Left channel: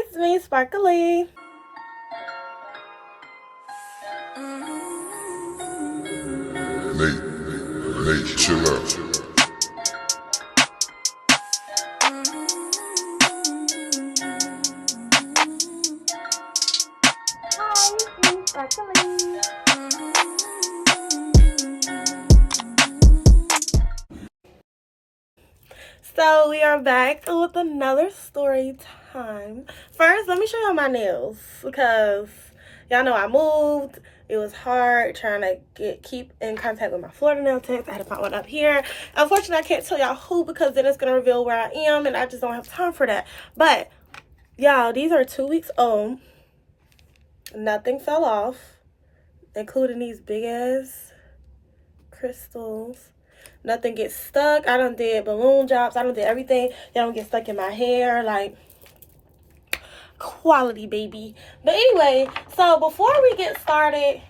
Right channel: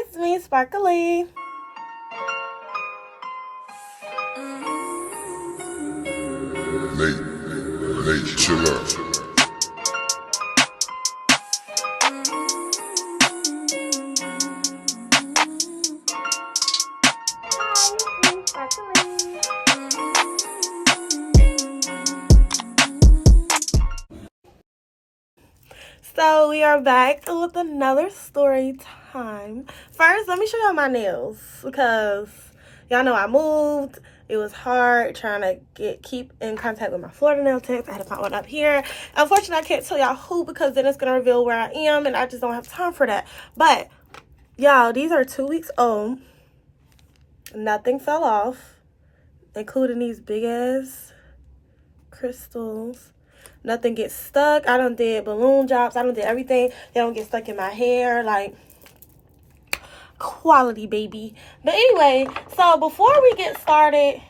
it's me, Sparkly. Nate, chill out. Hi, it's me, Sparkly. So we are back with another story time. First, let me show y'all my nails because y'all know I moved. It was hard trying to keep in contact with my Florida nail techs. I had to find one up here. Unfortunately, I can't tell y'all who because then it's going to reveal where I am, and I just don't have time for that. But, y'all, these are 2 weeks old. Nothing fell off, including these big-ass crystals. Nothing gets stuck. I done did balloon drops. I done did everything. They don't get stuck in my hair. Like, quality, baby. But anyway, so before we get started,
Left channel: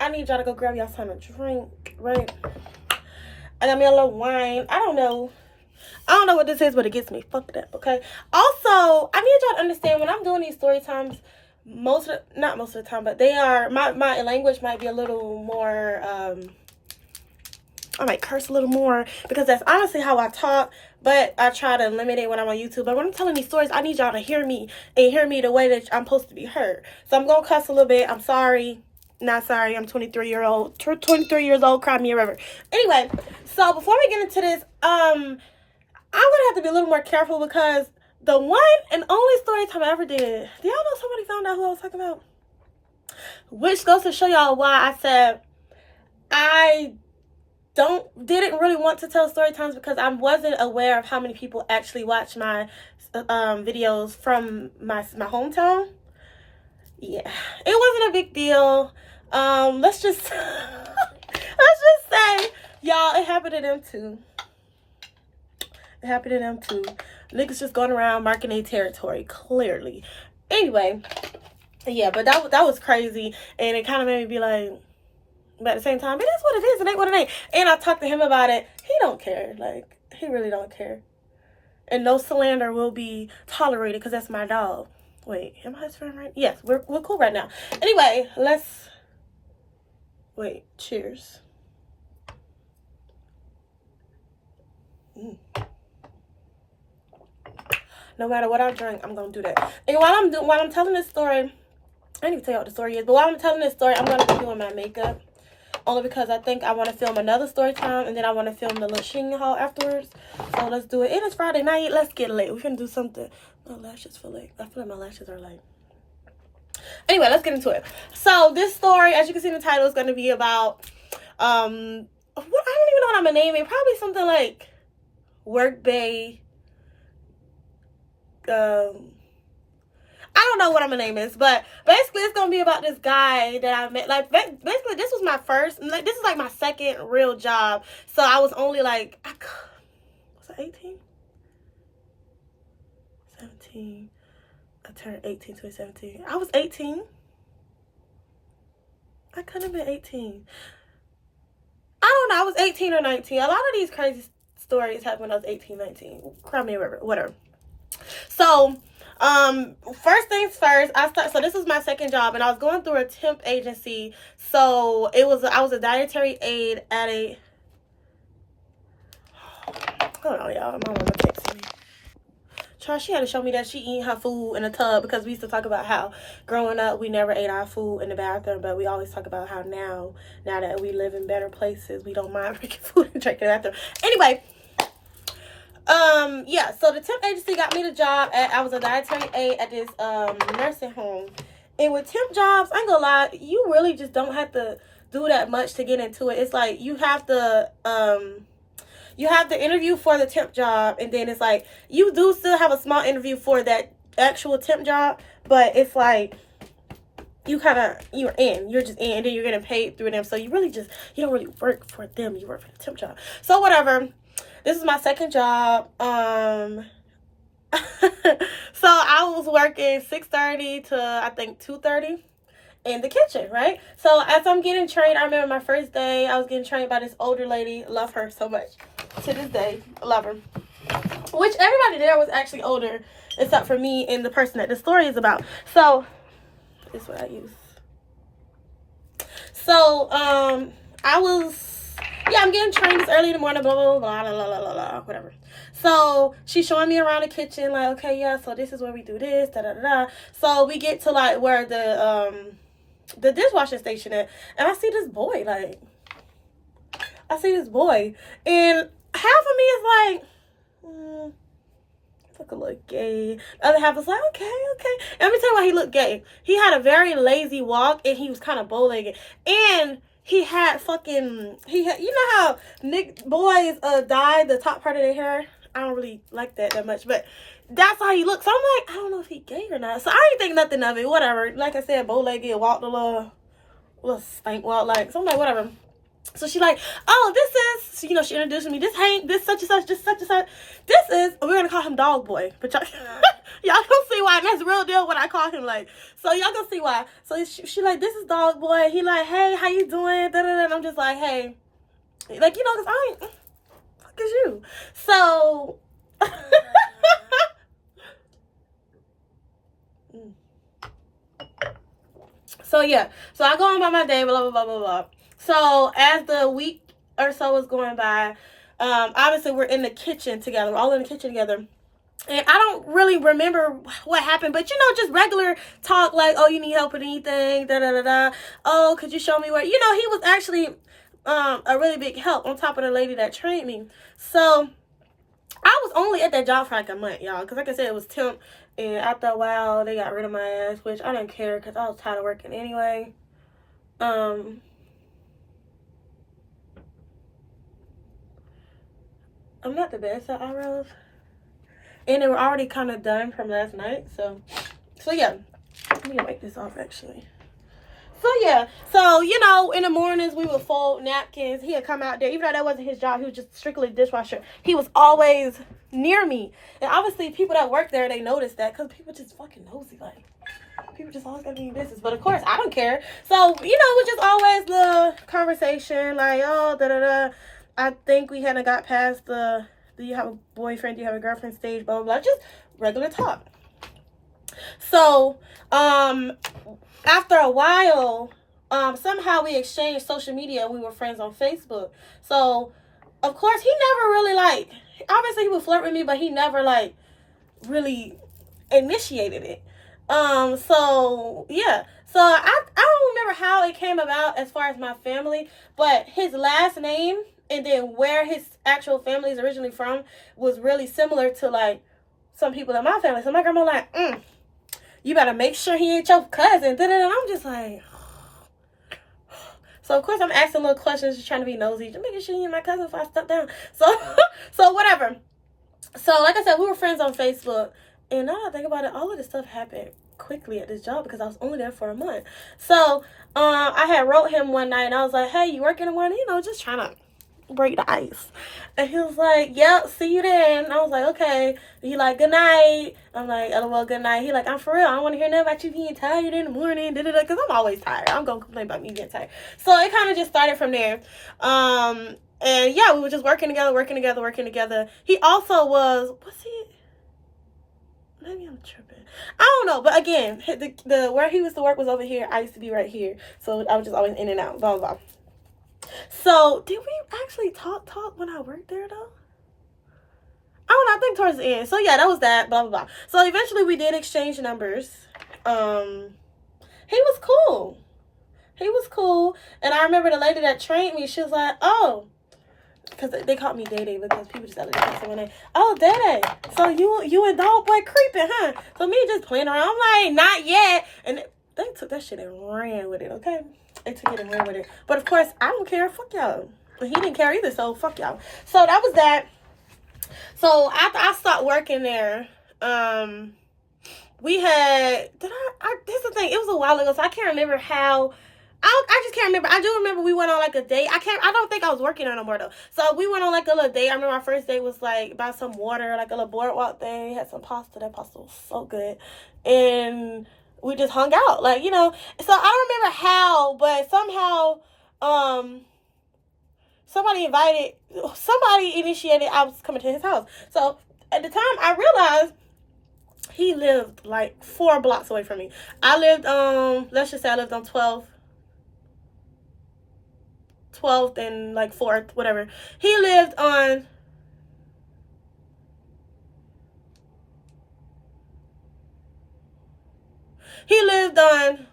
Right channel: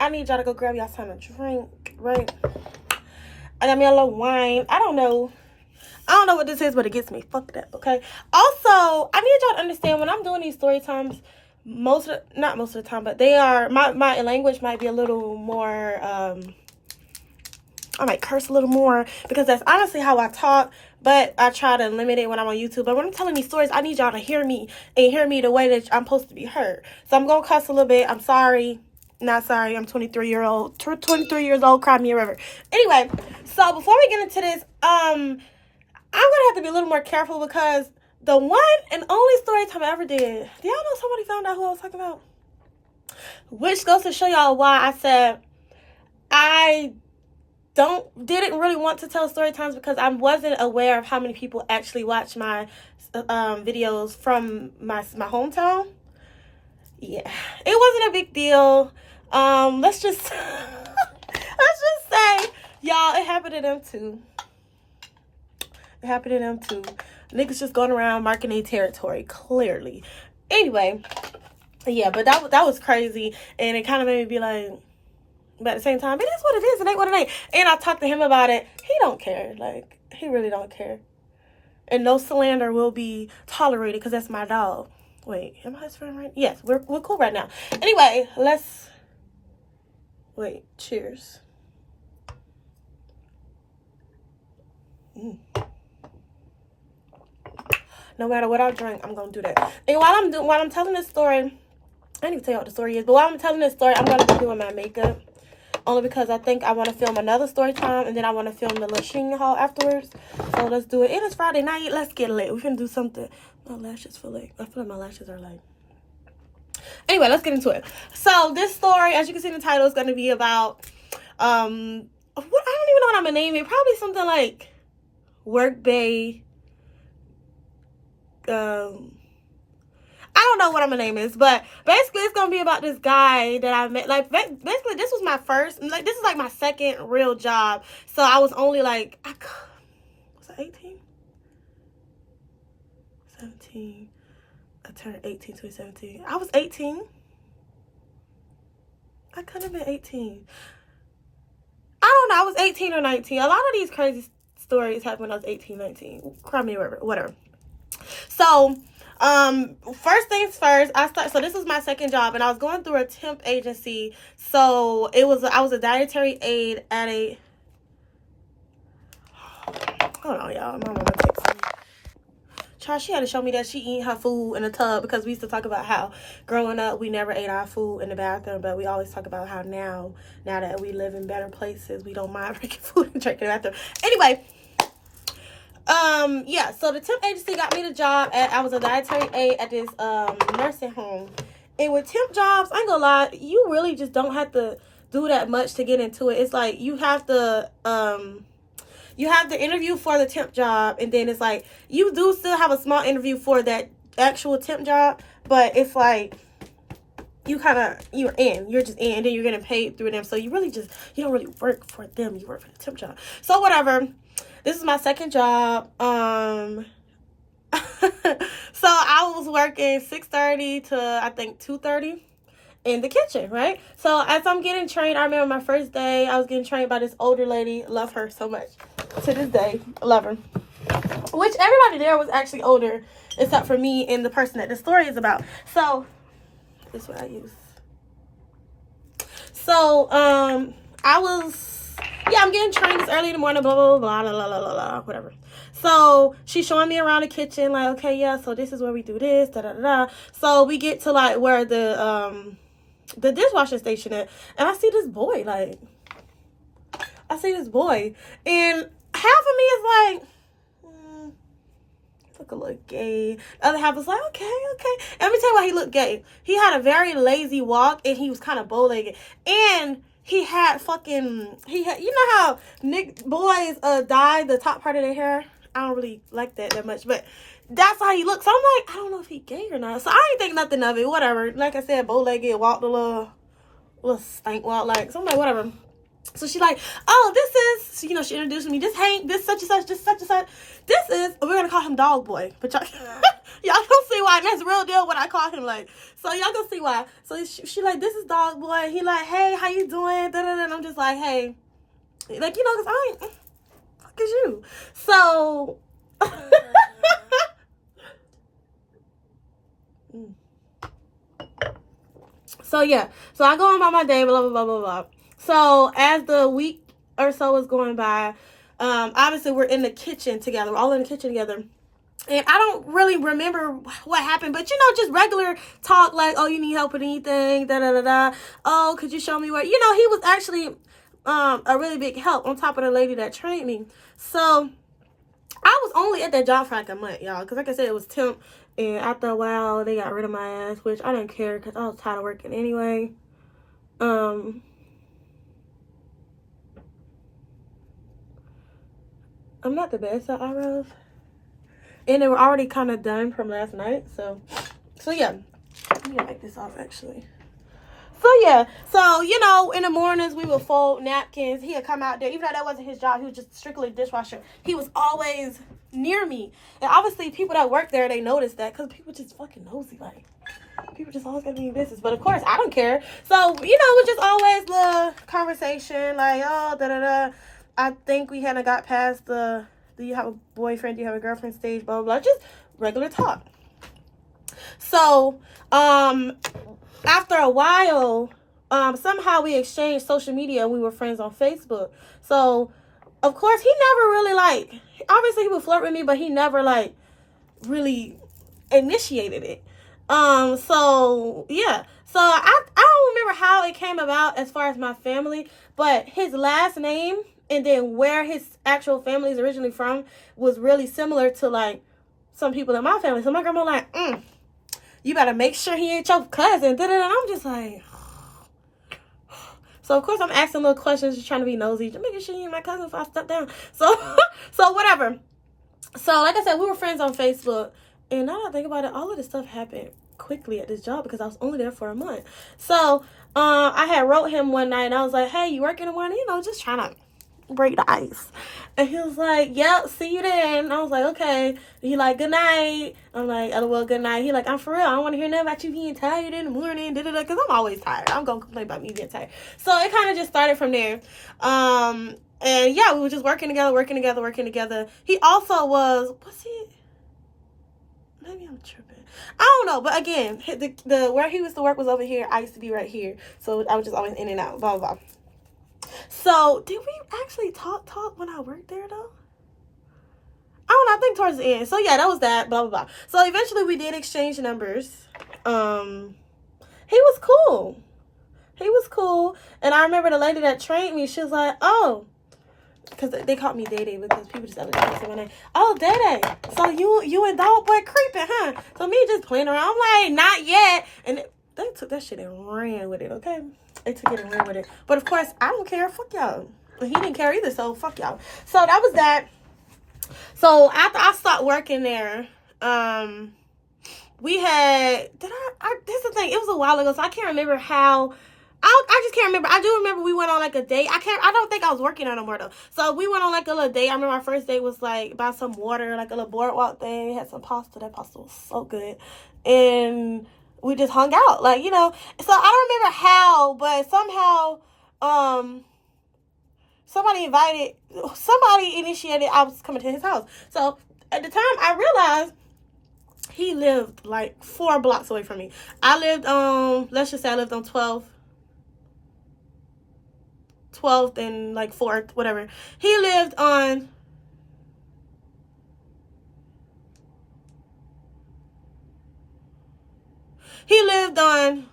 I need y'all to go grab y'all something to drink, right? I got me a little wine. I don't know what this is, but it gets me fucked up, okay? Also, I need y'all to understand when I'm doing these story times, not most of the time, but they are, my language might be a little more, I might curse a little more because that's honestly how I talk, but I try to limit it when I'm on YouTube. But when I'm telling these stories, I need y'all to hear me and hear me the way that I'm supposed to be heard. So I'm going to cuss a little bit. I'm sorry. Not sorry. I'm 23 years old. Cry me a river. Anyway, so before we get into this, I'm going to have to be a little more careful because the one and only story time I ever did, do y'all know somebody found out who I was talking about? Which goes to show y'all why I said I didn't really want to tell story times because I wasn't aware of how many people actually watch my videos from my hometown. Yeah, it wasn't a big deal. Let's just say, y'all, it happened to them too. Niggas just going around marking their territory clearly. Anyway, yeah, but that was crazy, and it kind of made me be like. But at the same time, it is what it is. It ain't what it ain't. And I talked to him about it. He don't care. Like, he really don't care. And no slander will be tolerated because that's my dog. Wait, am I his friend right? Yes, we're cool right now. Anyway, cheers. No matter what I drink, I'm going to do that. And while I'm telling this story, I didn't even tell you what the story is, but while I'm telling this story, I'm going to be doing my makeup. Only because I think I want to film another story time. And then I want to film the little Sheen haul afterwards. So let's do it. And it's Friday night. Let's get lit. We're going to do something. My lashes feel like... I feel like my lashes are like... Anyway, let's get into it. So this story, as you can see in the title, is going to be about... I don't even know what I'm going to name it. Probably something like... Workday... I don't know what I'm gonna name this, but basically it's gonna be about this guy that I met. Like, basically this was my first, like, this is like my second real job. So I was only like, was I 18? 17. I turned 18, 2017. I was 18. I couldn't have been 18. I don't know, I was 18 or 19. A lot of these crazy stories happened when I was 18, 19. Cry me a river, whatever. So, first things first, so this was my second job, and I was going through a temp agency. So I was a dietary aide at a, hold on, y'all, my mama texted me. Child, she had to show me that she eat her food in a tub because we used to talk about how growing up we never ate our food in the bathroom, but we always talk about how now that we live in better places, we don't mind drinking food and drinking in the bathroom. Anyway, yeah, so the temp agency got me the job I was a dietary aide at this nursing home. And with temp jobs, I ain't gonna lie, you really just don't have to do that much to get into it. It's like you have to interview for the temp job, and then it's like you do still have a small interview for that actual temp job, but it's like you're just in, and then you're getting paid through them. So you don't really work for them, you work for the temp job. So whatever. This is my second job. So I was working 6:30 to I think 2:30 in the kitchen, right? So as I'm getting trained, I remember my first day, I was getting trained by this older lady. Love her so much. To this day, love her. Which everybody there was actually older except for me and the person that the story is about. So, this is what I use. So, I'm getting trained this early in the morning, blah, blah, blah, blah, blah, blah, blah, blah, whatever. So, she's showing me around the kitchen, like, okay, yeah, so this is where we do this, da, da, da, da. So, we get to, like, where the dishwashing station is, and I see this boy, and half of me is like, look a little gay. The other half was like, okay. Let me tell you why he looked gay. He had a very lazy walk, and he was kind of bow-legged, and he had, you know how boys dye the top part of their hair? I don't really like that much, but that's how he looked. So I'm like, I don't know if he gay or not. So I didn't think nothing of it. Whatever. Like I said, bow-legged, walked a little stank walk, like, so I'm like, whatever. So she's like, oh, this is, she introduced me, this Hank, this such and such, this such and such. This is, we're going to call him Dog Boy. But y'all gonna see why. That's real deal what I call him, like. So y'all gonna see why. So she like, this is Dog Boy. He like, hey, how you doing? Da-da-da. And I'm just like, hey. Like, because I ain't, fuck is you? So. So, yeah. So I go on about my day, blah, blah, blah, blah, blah. So, as the week or so was going by, obviously we're in the kitchen together. We're all in the kitchen together. And I don't really remember what happened, but, just regular talk like, oh, you need help with anything, da-da-da-da. Oh, could you show me where? He was actually a really big help on top of the lady that trained me. So, I was only at that job for like a month, y'all, because like I said, it was temp. And after a while, they got rid of my ass, which I didn't care because I was tired of working anyway. I'm not the best at eyebrows. And they were already kind of done from last night. So yeah. Let me wipe this off, actually. So, yeah. So, in the mornings, we would fold napkins. He would come out there. Even though that wasn't his job, he was just strictly a dishwasher. He was always near me. And obviously, people that work there, they noticed that. Because people just fucking nosy. Like, people just always got to be in business. But, of course, I don't care. So, it was just always the conversation. Like, oh, da-da-da. I think we hadn't got past the, do you have a boyfriend? Do you have a girlfriend stage? Blah, blah, blah. Just regular talk. So, after a while, somehow we exchanged social media. We were friends on Facebook. So, of course, he never really, obviously he would flirt with me, but he never, really initiated it. So, yeah. So, I don't remember how it came about as far as my family, but his last name and then where his actual family is originally from was really similar to, some people in my family. So, my grandma you better make sure he ain't your cousin. And I'm just like, so of course I'm asking little questions, just trying to be nosy, just making sure he ain't my cousin before I step down. So whatever. So like I said, we were friends on Facebook, and now that I think about it, all of this stuff happened quickly at this job because I was only there for a month. So I had wrote him one night, and I was like, hey, you working in the morning? Just trying to break the ice. And he was like, yep, see you then. And I was like, okay. And he like, good night. I'm like, oh, well, good night. He like, I'm for real. I don't want to hear nothing about you being tired in the morning. Because I'm always tired. I'm going to complain about me being tired. So it kind of just started from there. And yeah, we were just working together. He also was he? Maybe I'm tripping. I don't know. But again, the where he used to work was over here. I used to be right here. So I was just always in and out, blah, blah, blah. So, did we actually talk when I worked there, though? I don't know, I think towards the end. So, yeah, that was that, blah, blah, blah. So, eventually, we did exchange numbers. He was cool. And I remember the lady that trained me, she was like, oh, because they called me Day Day because people just started to say my name. Oh, Day Day. So, you and Dog Boy creeping, huh? So, me just playing around. I'm like, not yet. And they took that shit and ran with it, okay? They took it and ran with it. But of course, I don't care. Fuck y'all. He didn't care either, so fuck y'all. So that was that. So after I stopped working there, we had, this is the thing, it was a while ago, so I can't remember how, I just can't remember. I do remember we went on a date. I don't think I was working on no more though. So we went on a little date. I remember our first date was buy some water, a little boardwalk thing, had some pasta. That pasta was so good. And we just hung out, so I don't remember how, but somehow, somebody initiated I was coming to his house. So at the time I realized he lived like 4 blocks away from me. I lived on, let's just say I lived on 12th and like 4th, whatever. He lived on He lived on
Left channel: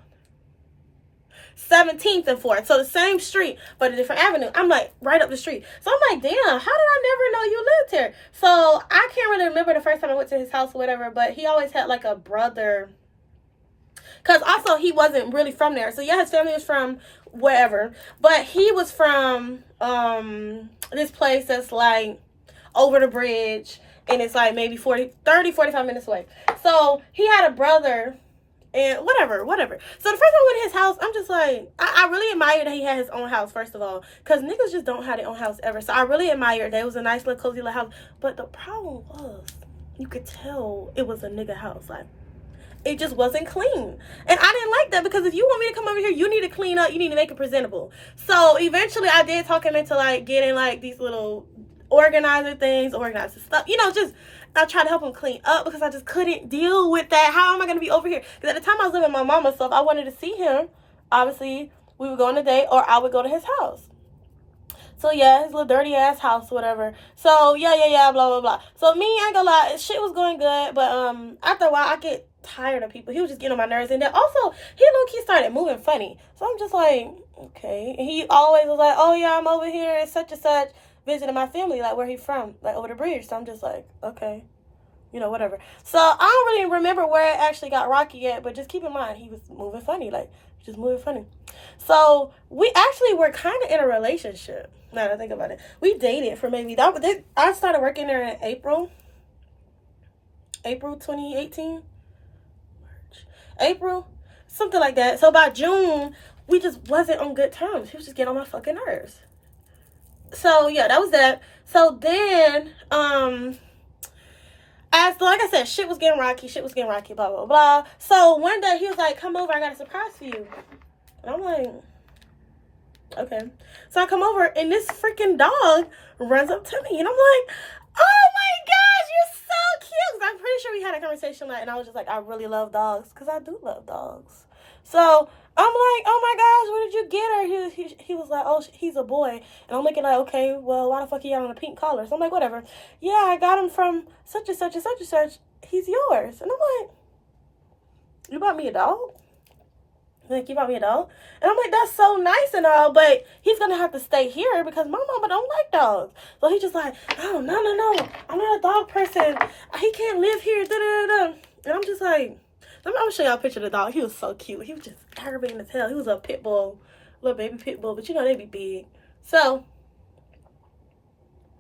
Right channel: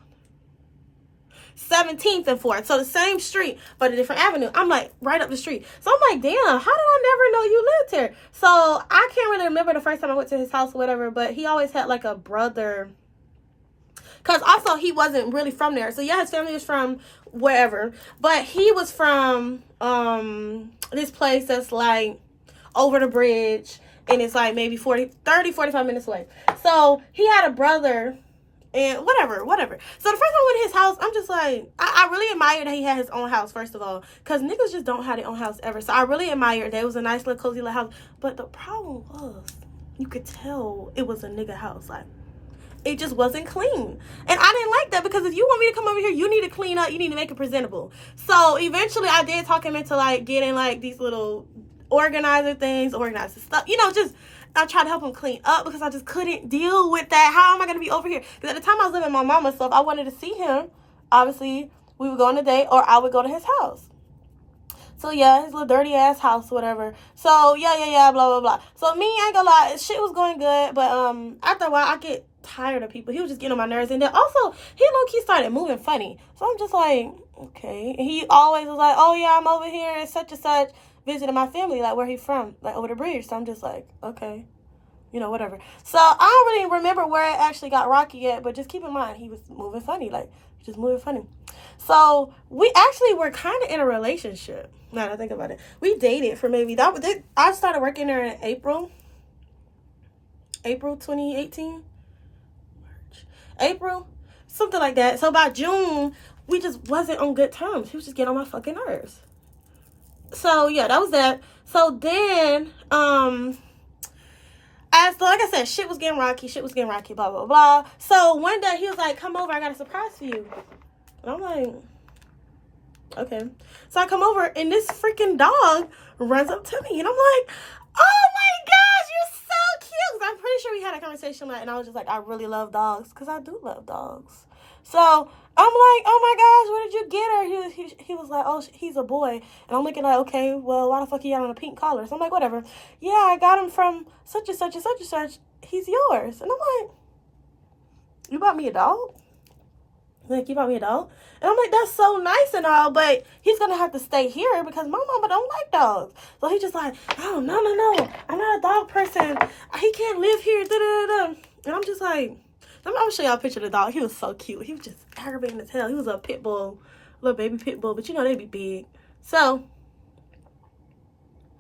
17th and 4th. So the same street, but a different avenue. I'm like, right up the street. So I'm like, damn, how did I never know you lived here? So I can't really remember the first time I went to his house or whatever, but he always had like a brother. Because also he wasn't really from there. So yeah, his family was from wherever. But he was from this place that's like over the bridge. And it's like maybe 45 minutes away. So he had a brother. And whatever. So the first time I went to his house, I'm just like, I really admired that he had his own house, first of all. Because niggas just don't have their own house ever. So I really admired that it was a nice little cozy little house. But the problem was, you could tell it was a nigga house. Like, it just wasn't clean. And I didn't like that, because if you want me to come over here, you need to clean up. You need to make it presentable. So eventually I did talk him into like getting like these little organizer things, organize his stuff. You know, just... I tried to help him clean up because I just couldn't deal with that. How am I going to be over here? Because at the time I was living with my mama, so if I wanted to see him, obviously we would go on a date or I would go to his house. So yeah, his little dirty ass house, whatever. So yeah, blah, blah, blah. So me, I ain't gonna lie, shit was going good, but after a while I get tired of people. He was just getting on my nerves, and then also he low-key started moving funny. So I'm just like, okay. And he always was like, oh yeah, I'm over here and such, visiting my family, like where he from, like over the bridge. So I'm just like, okay, you know, whatever. So I don't really remember where it actually got rocky yet, but just keep in mind he was moving funny, like just moving funny. So we actually were kind of in a relationship. Now that I think about it, we dated for maybe I started working there in April 2018, April, something like that. So by June we just wasn't on good terms. He was just getting on my fucking nerves. So yeah, that was that. So then, as like I said, shit was getting rocky, blah, blah, blah. So one day he was like, come over, I got a surprise for you. And I'm like, okay. So I come over and this freaking dog runs up to me and I'm like, oh my gosh, you're so cute. I'm pretty sure we had a conversation and I was just like, I really love dogs, because I do love dogs. So I'm like, oh my gosh, where did you get her? He was like, oh, he's a boy. And I'm looking like, okay, well, why the fuck he got on a pink collar? So I'm like, whatever. Yeah, I got him from such and such and such and such. He's yours. And I'm like, you bought me a dog? Like, you bought me a dog? And I'm like, that's so nice and all, but he's going to have to stay here because my mama don't like dogs. So he's just like, oh, no. I'm not a dog person. He can't live here. Da-da-da-da. And I'm just like, I'm going to show y'all a picture of the dog. He was so cute. He was just aggravating as hell. He was a pit bull, little baby pit bull, but you know they be big. So,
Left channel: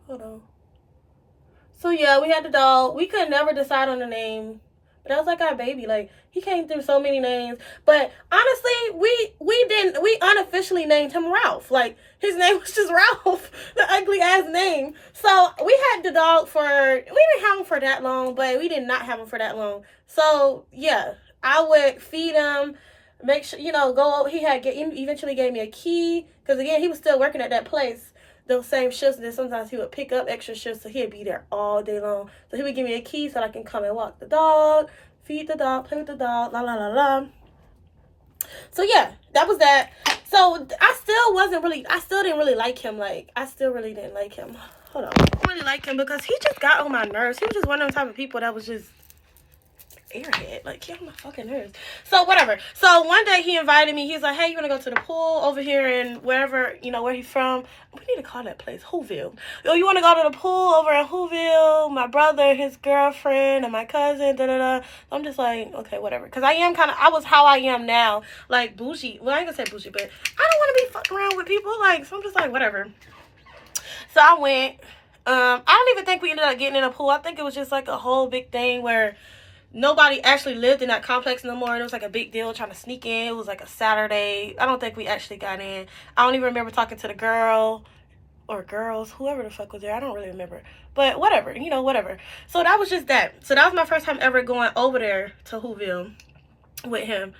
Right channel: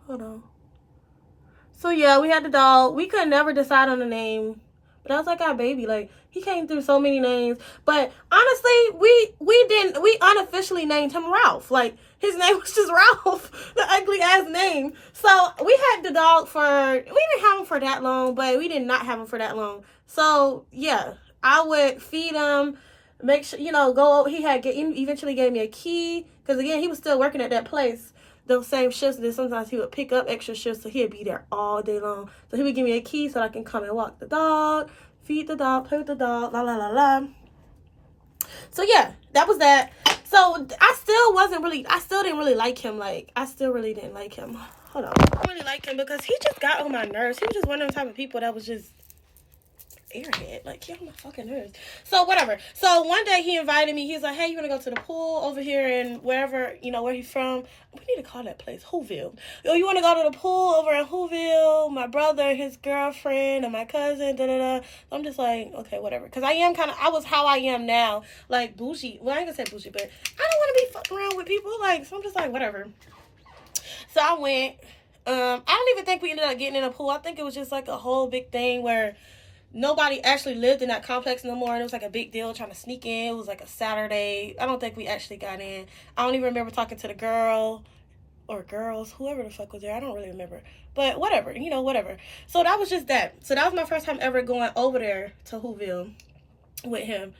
hold on. So yeah, we had the dog. We could never decide on a name, but that was like our baby. Like, he came through so many names, but honestly, we unofficially named him Ralph. Like, his name was just Ralph, the ugly ass name. So we had the dog we didn't have him for that long, but we did not have him for that long. So yeah, I would feed him, make sure, you know, he eventually gave me a key, because again, he was still working at that place, those same shifts, and then sometimes he would pick up extra shifts, so he'd be there all day long. So he would give me a key so I can come and walk the dog, feed the dog, play with the dog, la la la la. So yeah, that was that. So I still didn't really like him. Like, I still really didn't like him. Hold on. I don't really like him because he just got on my nerves. He was just one of those type of people that was just airhead. Like, get on my fucking nerves. So whatever. So one day he invited me. He was like, hey, you want to go to the pool over here in wherever, you know, where he's from? We need to call that place Whoville. Oh, you want to go to the pool over in Whoville? My brother, his girlfriend, and my cousin, da-da-da. I'm just like, okay, whatever. Because I was how I am now. Like, bougie. Well, I ain't gonna say bougie, but I don't want to be fucking around with people. Like, so I'm just like, whatever. So I went. I don't even think we ended up getting in a pool. I think it was just like a whole big thing where nobody actually lived in that complex no more. And it was like a big deal trying to sneak in. It was like a Saturday. I don't think we actually got in. I don't even remember talking to the girl or girls, whoever the fuck was there. I don't really remember. But whatever, you know, whatever. So that was just that. So that was my first time ever going over there to Whoville with him.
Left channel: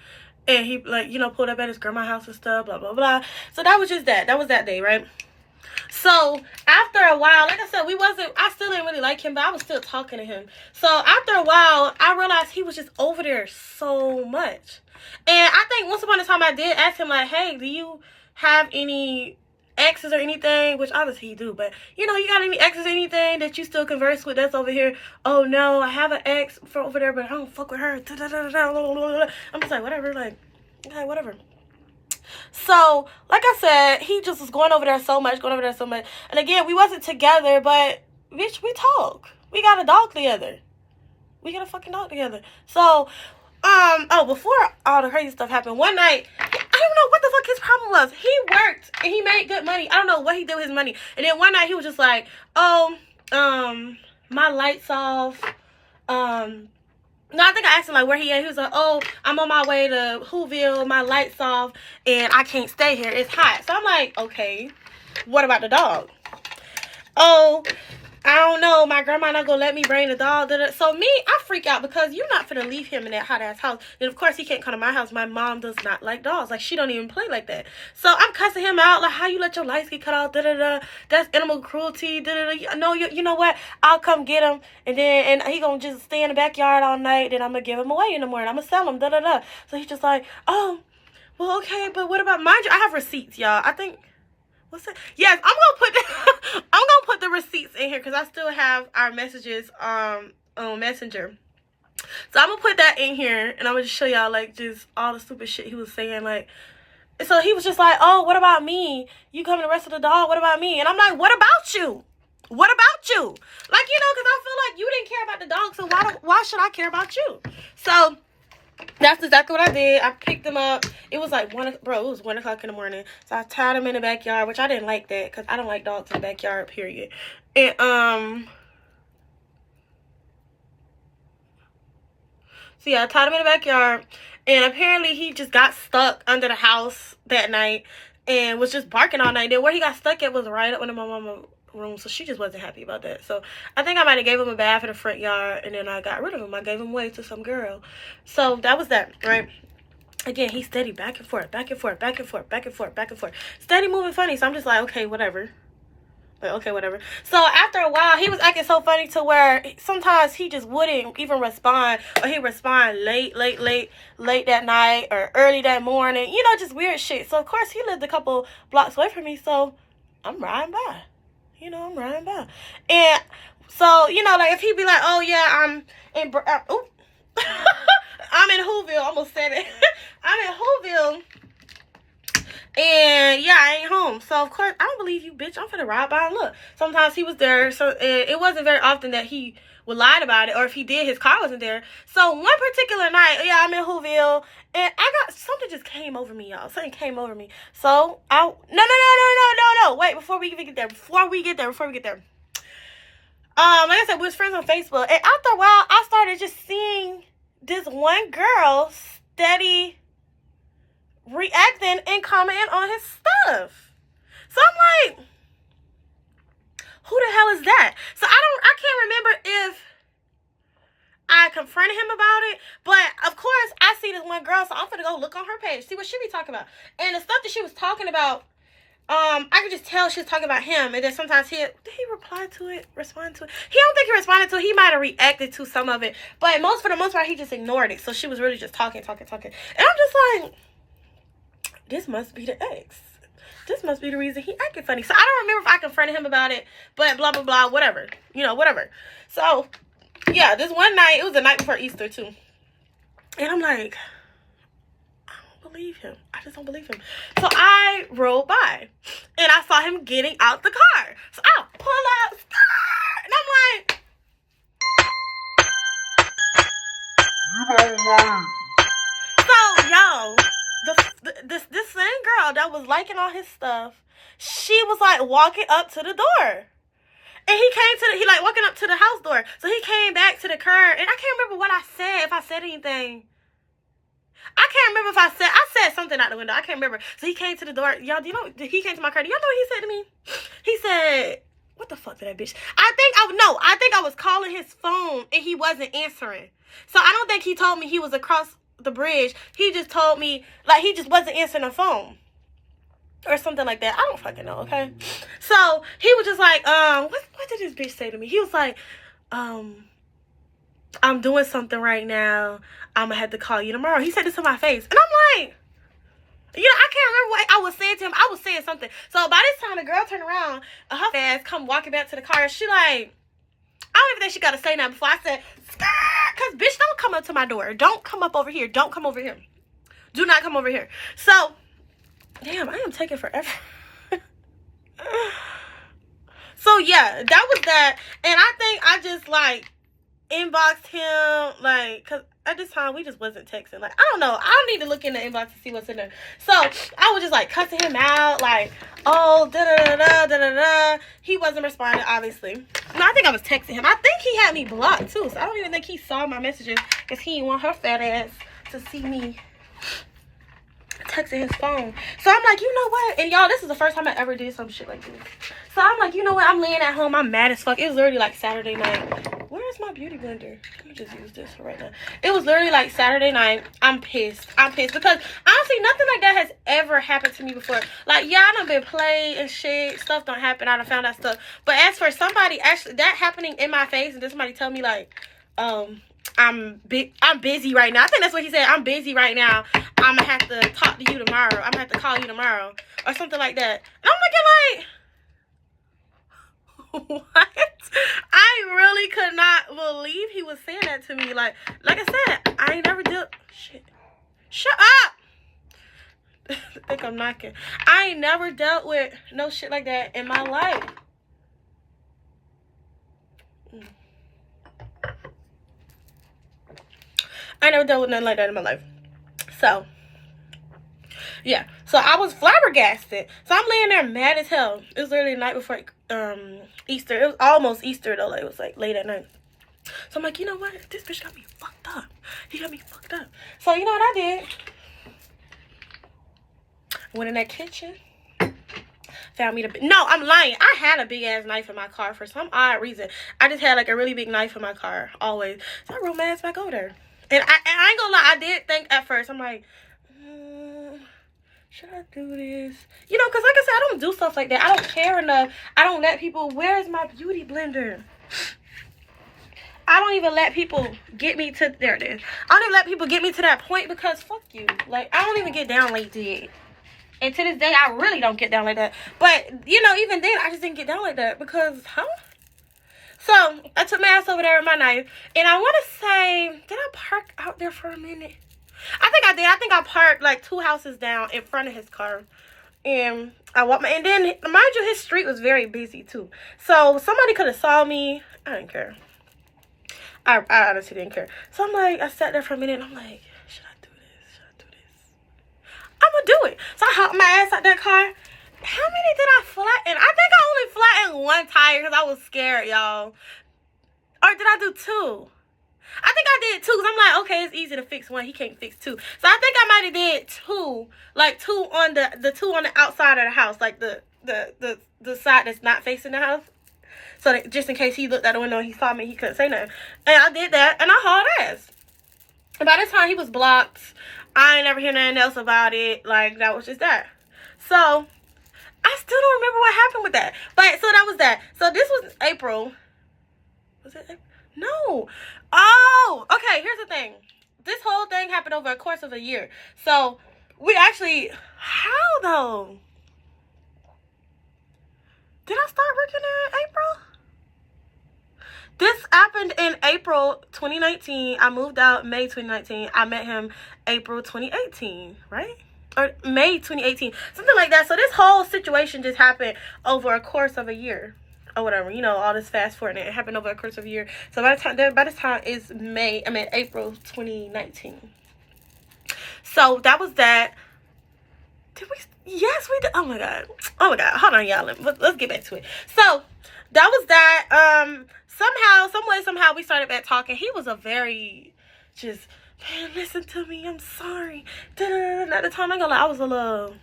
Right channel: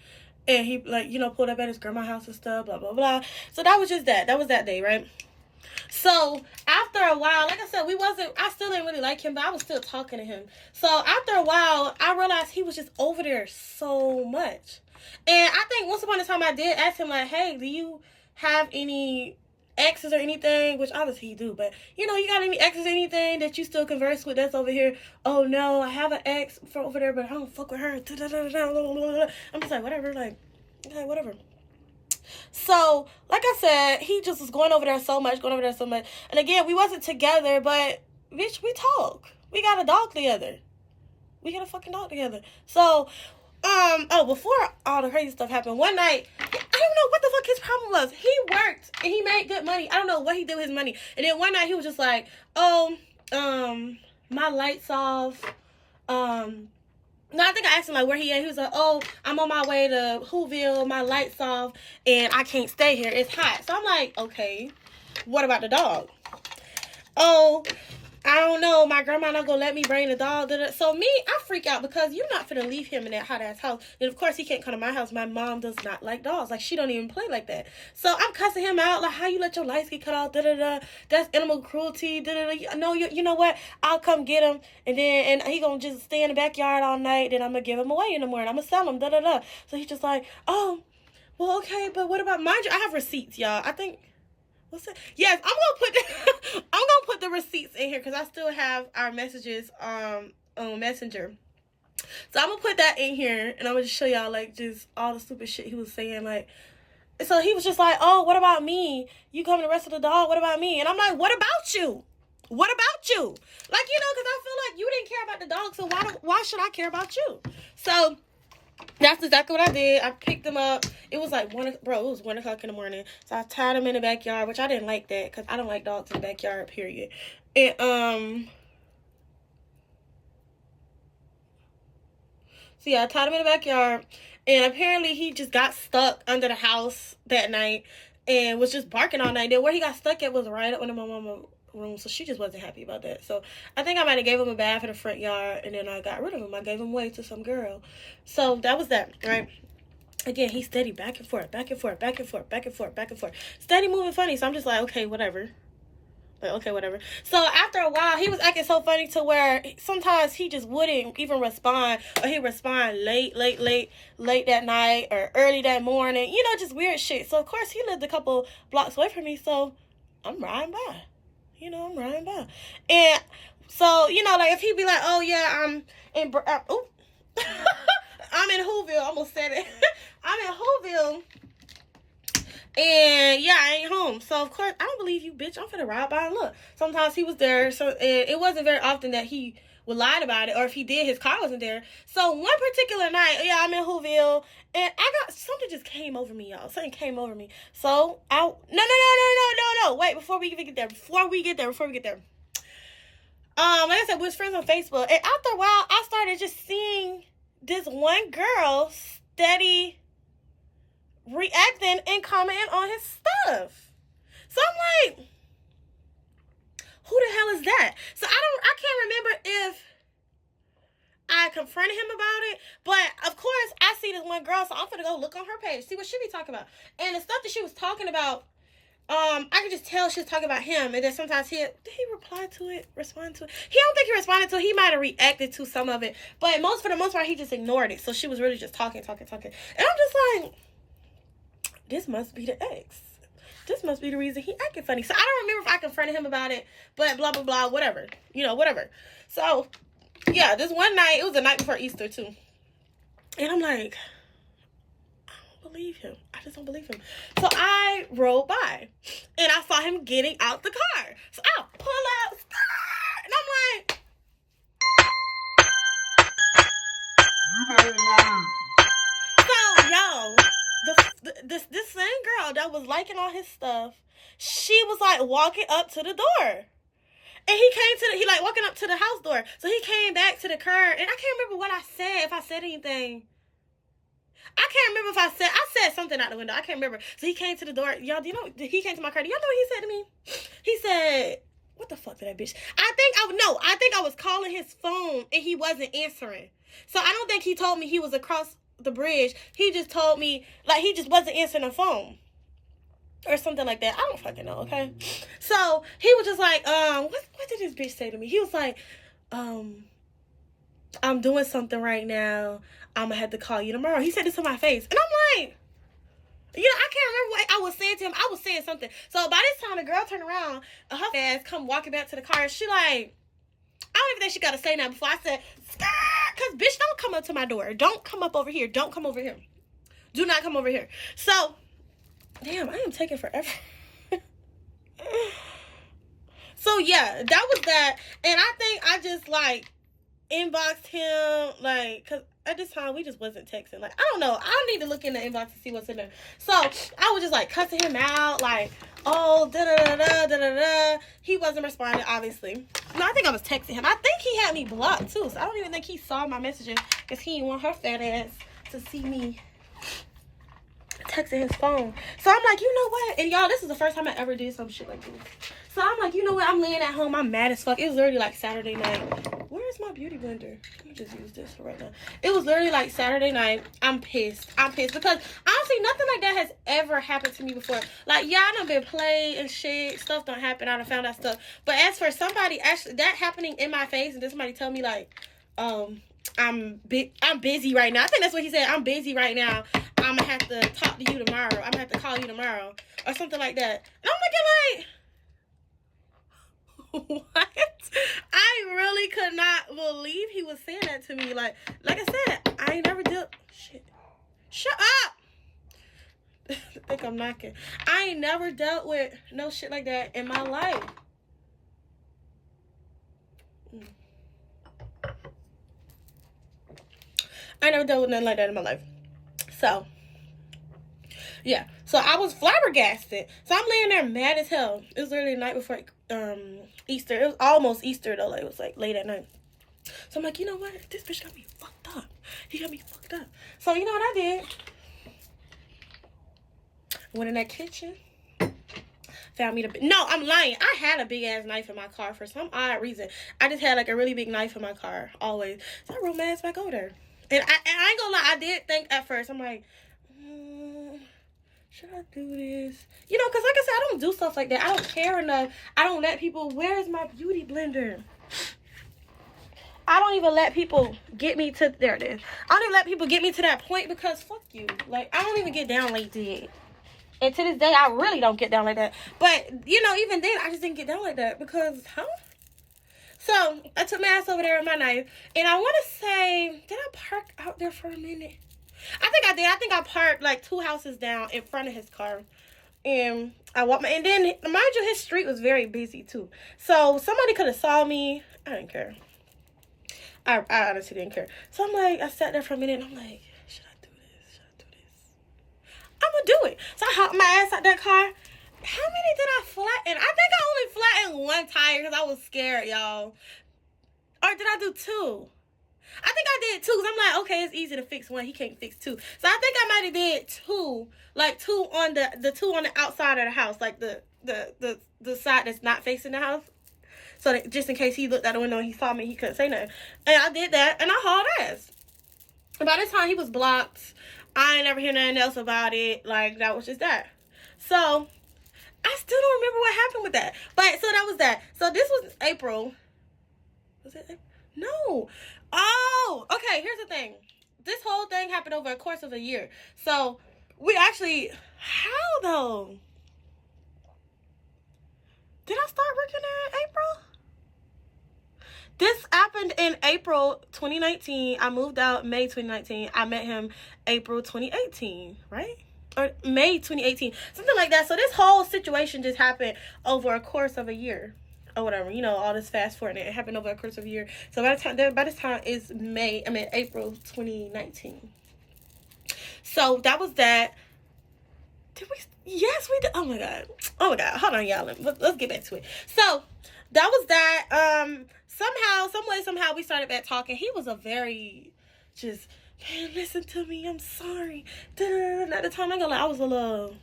And he, like, you know, pulled up at his grandma's house and stuff, blah, blah, blah. So that was just that. That was that day, right? So after a while, like I said, I still didn't really like him, but I was still talking to him. So after a while, I realized he was just over there so much. And I think once upon a time I did ask him, like, hey, do you have any exes or anything? Which obviously he do, but you got any exes or anything that you still converse with that's over here? Oh no, I have an ex from over there, but I don't fuck with her. I'm just like, whatever, like, okay, whatever. So, like I said, he just was going over there so much. And again, we wasn't together, but bitch, we talk. We got a dog together. We got a fucking dog together. So, before all the crazy stuff happened, one night, I don't know what the fuck his problem was. He worked and he made good money. I don't know what he did with his money. And then one night he was just like, oh, my lights off. No, I think I asked him, like, where he at. He was like, oh, I'm on my way to Whoville. My lights off, and I can't stay here. It's hot. So I'm like, okay, what about the dog? Oh, I don't know. My grandma not going to let me bring the dog. So me, I freak out because you're not finna leave him in that hot-ass house. And, of course, he can't come to my house. My mom does not like dogs. Like, she don't even play like that. So I'm cussing him out. Like, how you let your lights get cut off? That's animal cruelty. No, you know what? I'll come get him. And he going to just stay in the backyard all night. Then I'm going to give him away in the morning. I'm going to sell him. So he's just like, oh, well, okay. But what about, mind you, I have receipts, y'all. I think. What's that? Yes, I'm gonna put the receipts in here because I still have our messages on Messenger. So I'm gonna put that in here and I'm gonna just show y'all like just all the stupid shit he was saying. Like, so he was just like, oh, what about me? You coming to rest of the dog? What about me? And I'm like, what about you? What about you? Like, because I feel like you didn't care about the dog, so why should I care about you? So that's exactly what I did. I picked him up. It was like 1 o'clock in the morning. So I tied him in the backyard, which I didn't like that because I don't like dogs in the backyard, period. And so yeah, I tied him in the backyard, and apparently he just got stuck under the house that night and was just barking all night. Then where he got stuck at was right up under my mama's room, so she just wasn't happy about that. So I think I might have gave him a bath in the front yard, and then I got rid of him. I gave him away to some girl. So that was that, right? Again, he's steady back and forth, steady moving funny. So I'm just like, okay, whatever. So after a while, he was acting so funny to where sometimes he just wouldn't even respond, or he'd respond late that night or early that morning, just weird shit. So of course he lived a couple blocks away from me, so I'm riding by. And so, like if he'd be like, oh yeah, I'm in I'm in Whoville. Almost said it. I'm in Whoville. And yeah, I ain't home. So of course, I don't believe you, bitch. I'm finna ride by and look. Sometimes he was there. So it wasn't very often that he would lie about it. Or if he did, his car wasn't there. So one particular night, yeah, I'm in Whoville. And something just came over me, y'all. Something came over me. So no. Wait, before we get there. Like I said, we was friends on Facebook. And after a while, I started just seeing this one girl steady reacting and commenting on his stuff. So I'm like, who the hell is that? So I can't remember if I confronted him about it, but of course I see this one girl, so I'm gonna go look on her page, see what she be talking about. And the stuff that she was talking about, I could just tell she was talking about him. And then sometimes did he respond to it? He don't think he responded to it. He might have reacted to some of it, but for the most part, he just ignored it. So she was really just talking. And I'm just like, this must be the ex. This must be the reason he acted funny. So I don't remember if I confronted him about it, but blah, blah, blah, whatever. Whatever. So, yeah, this one night, it was the night before Easter, too. And I'm like, I don't believe him. I just don't believe him. So I rode by, and I saw him getting out the car. So I pull out, and I'm like, You don't learn. so, yo, this same girl that was liking all his stuff, she was like walking up to the door. And he like walking up to the house door. So he came back to the curb, and I can't remember what I said, if I said anything. I can't remember if I said something out the window. I can't remember. So he came to the door. Y'all, he came to my car. Do y'all know what he said to me? He said, what the fuck did that bitch? I think I was calling his phone and he wasn't answering. So I don't think he told me he was across the bridge. He just told me, like, he just wasn't answering the phone. or something like that. I don't fucking know, okay? So he was just like, what did this bitch say to me? He was like, I'm doing something right now. I'm gonna have to call you tomorrow. He said this to my face. And I'm like, you know, I can't remember what I was saying to him. I was saying something. So by this time, the girl turned around, her ass come walking back to the car. She like, I don't even think she got to say nothing before I said, because bitch, don't come up to my door. Don't come up over here. Don't come over here. Do not come over here. So, damn, I am taking forever. So, yeah, that was that. And I think I just, like, inboxed him, like, because at this time, we just wasn't texting. Like, I don't know. I don't need to look in the inbox to see what's in there. So, I was just, like, cussing him out, like, oh, da-da-da-da, da-da-da. He wasn't responding, obviously. No, I think I was texting him. I think he had me blocked, too. So, I don't even think he saw my messages because he didn't want her fat ass to see me texting his phone. So, I'm like, you know what? And, y'all, this is the first time I ever did some shit like this. So, I'm like, you know what? I'm laying at home. I'm mad as fuck. It was literally, like, Saturday night. Where's my beauty blender? Let me just use this for right now. It was literally like Saturday night. I'm pissed. I'm pissed because honestly, nothing like that has ever happened to me before. Like, yeah, I done been played and shit. Stuff don't happen. I done found that stuff. But as for somebody actually that happening in my face and then somebody tell me like, I'm busy right now. I think that's what he said. I'm busy right now. I'm gonna have to talk to you tomorrow. I'm gonna have to call you tomorrow or something like that. And I'm looking like, what? I really could not believe he was saying that to me. Like I said, I ain't never did shit. Shut up. I think I'm knocking. I ain't never dealt with no shit like that in my life. I never dealt with nothing like that in my life. So, yeah. So I was flabbergasted. So I'm laying there mad as hell. It was literally the night before Easter. It was almost Easter though. Like, it was like late at night. So I'm like, you know what? This bitch got me fucked up. He got me fucked up. So you know what I did? Went in that kitchen. Found me No, I'm lying. I had a big ass knife in my car for some odd reason. I just had like a really big knife in my car always. So I rolled my ass back over there. And I ain't gonna lie. I did think at first. I'm like, should I do this? You know, because like I said, I don't do stuff like that. I don't care enough. I don't let people, where's my beauty blender? I don't even let people get me to, there it is. I don't even let people get me to that point because fuck you. Like, I don't even get down like that. And to this day, I really don't get down like that. But, you know, even then, I just didn't get down like that because, So, I took my ass over there with my knife. And I want to say, did I park out there for a minute? I think I did. I think I parked like 2 houses down in front of his car. And I walked and then, mind you, his street was very busy too. So somebody could have saw me. I didn't care. I honestly didn't care. So I'm like, I sat there for a minute and I'm like, should I do this? Should I do this? I'm gonna do it. So I hopped my ass out that car. How many did I flatten? I think I only flattened 1 tire because I was scared, y'all. Or did I do 2? I think I did 2 because I'm like, okay, it's easy to fix 1. He can't fix 2. So I think I might have did 2, like 2 on the 2 on the outside of the house, like the side that's not facing the house. So that just in case he looked out the window and he saw me, he couldn't say nothing. And I did that, and I hauled ass. And by this time, he was blocked. I ain't never hear nothing else about it. Like, that was just that. So I still don't remember what happened with that. But so that was that. So this was April. Was it April? No. Oh, okay, here's the thing. This whole thing happened over a course of a year. So, we actually, how though? Did I start working in April? This happened in April 2019. I moved out May 2019. I met him April 2018, right? Or May 2018, something like that. So, this whole situation just happened over a course of a year. Or whatever, you know, all this fast forward, it happened over a course of a year. So by this time is April 2019. So that was that. Did we? Yes, we did. Oh my god. Hold on, y'all. Let's get back to it. So that was that. Somehow we started back talking. He was a very just, man, listen to me. I'm sorry. At the time, I'm gonna lie, I was a little.